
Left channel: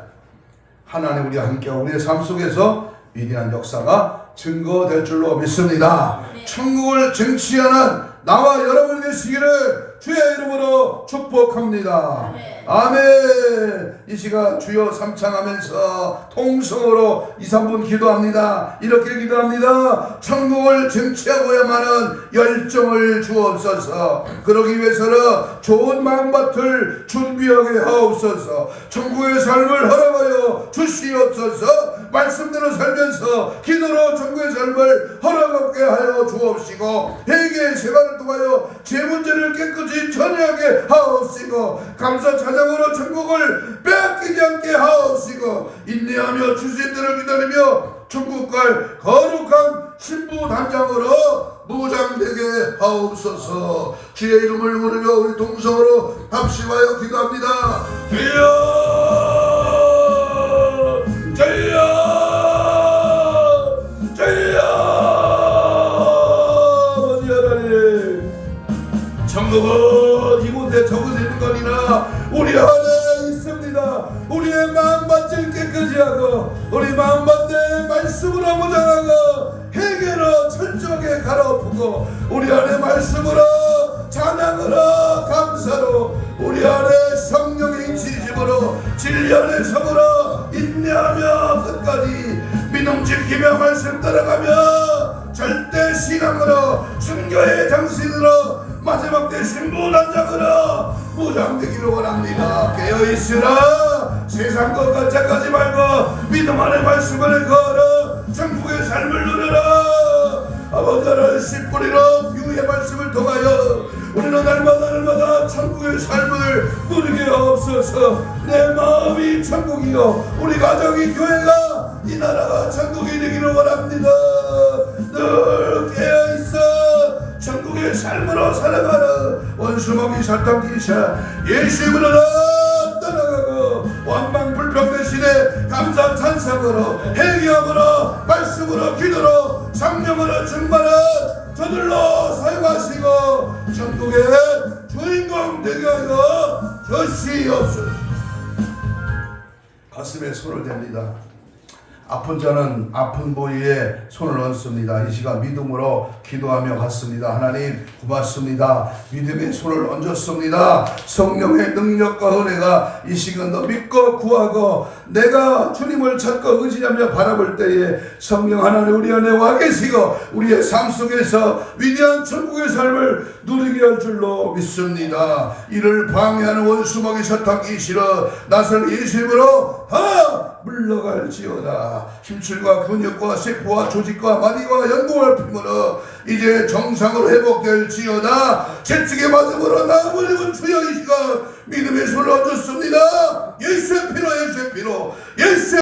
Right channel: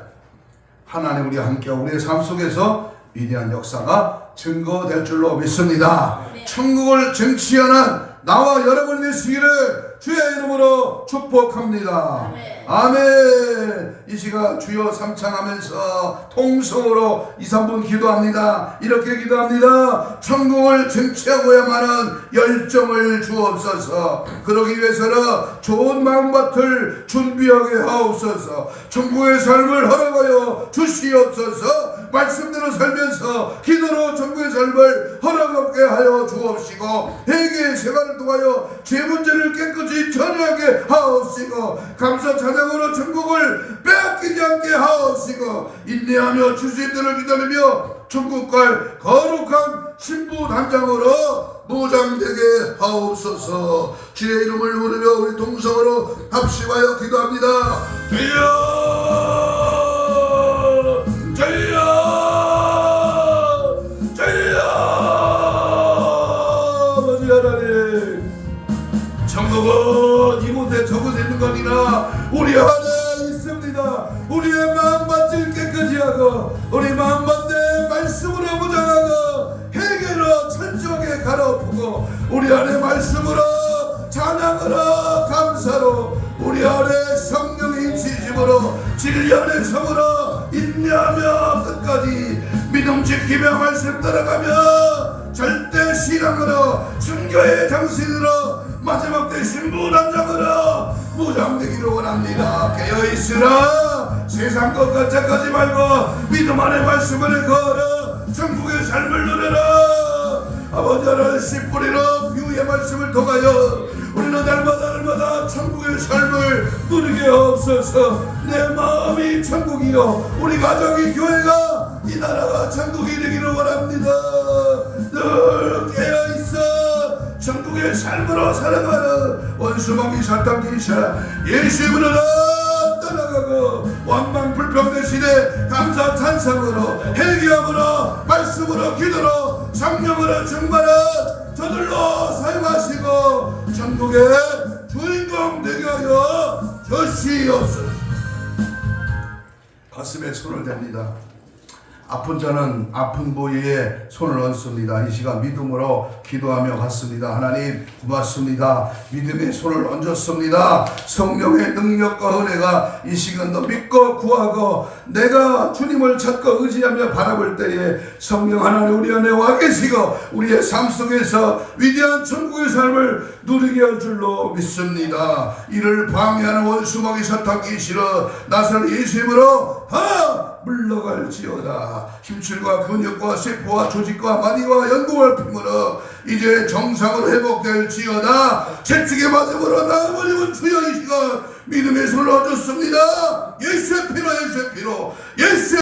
하나님 우리와 함께 우리의 삶 속에서 위대한 역사가 증거될 줄로 믿습니다. 네. 천국을 쟁취하는 나와 여러분이 되시기를 주의 이름으로 축복합니다. 아멘. 아멘. 이 시간 주여 삼창하면서 통성으로 2, 3분 기도합니다. 이렇게 기도합니다. 천국을 쟁취하고야만은 열정을 주옵소서. 그러기 위해서는 좋은 마음밭을 준비하게 하옵소서. 천국의 삶을 허락하여 주시옵소서. 말씀대로 살면서 기도로 천국의 삶을 허락하게 하여 주옵시고 회개의 생활을 통하여 제 문제를 깨끗이 처리하게 하옵시고 감사 찬양으로 천국을 빼앗기지 않게 하옵시고 인내하며 주의 때를 기다리며 천국 갈 거룩한 신부 단장으로 무장되게 하옵소서. 주의 이름을 부르며 우리 동성으로 합심하여 기도합니다. 주여 주여 주여 아버지 하나님 천국은 이곳에 적어져 있는 거니라 우리 안에 있습니다. 우리의 마음밭을 깨끗이 하고 우리 마음밭에 말씀으로 무장하고 회개로 철저하게 갈아엎고 우리 안에 말씀으로 찬양으로 감사로 우리 안에 성령의 지심으로 진리 안에 성으로 인내하며 끝까지 믿음 지키며 말씀 따라가며 절대 신앙으로 순교의 정신으로 마지막 때 신부 단장으로 무장되기를 원합니다. 깨어있으라. 세상 것 가짜하지 말고 믿음 안에 말씀을 걸어 천국의 삶을 누려라. 아버지 하나님 씨 뿌리로 비유의 말씀을 통하여 우리는 날마다 천국의 삶을 누리게 하옵소서. 내 마음이 천국이요 우리 가정이 교회가 이 나라가 천국이 되기를 원합니다. 늘 깨어있어 천국의 삶으로 살아가는 원수먹이 사탄 기사 예수님으로 떠나가고 원망 불평 대신에 감사 찬상으로 회개함으로 말씀으로 기도로 성령으로 충만한 저들로 사용하시고 천국의 주인공 되게 하여 주시옵소서. 가슴에 손을 댑니다. 아픈 자는 아픈 부위에 손을 얹습니다. 이 시간 믿음으로 기도하며 갔습니다. 하나님 고맙습니다. 믿음의 손을 얹었습니다. 성령의 능력과 은혜가 이 시간도 믿고 구하고 내가 주님을 찾고 의지하며 바라볼 때에 성령 하나님 우리 안에 와 계시고 우리의 삶 속에서 위대한 천국의 삶을 누리게 할 줄로 믿습니다. 이를 방해하는 원수먹이 사탄기 싫어 나설 예수님으로 물러갈지어다. 힘줄과 근육과 세포와 조직과 마디와 연골을 피므로 이제 정상으로 회복될지어다. 채찍의 맞음으로 나음을 입은 주여 이 시간 믿음의 손을 얹었습니다. 예수의 피로 예수의 피로 예수의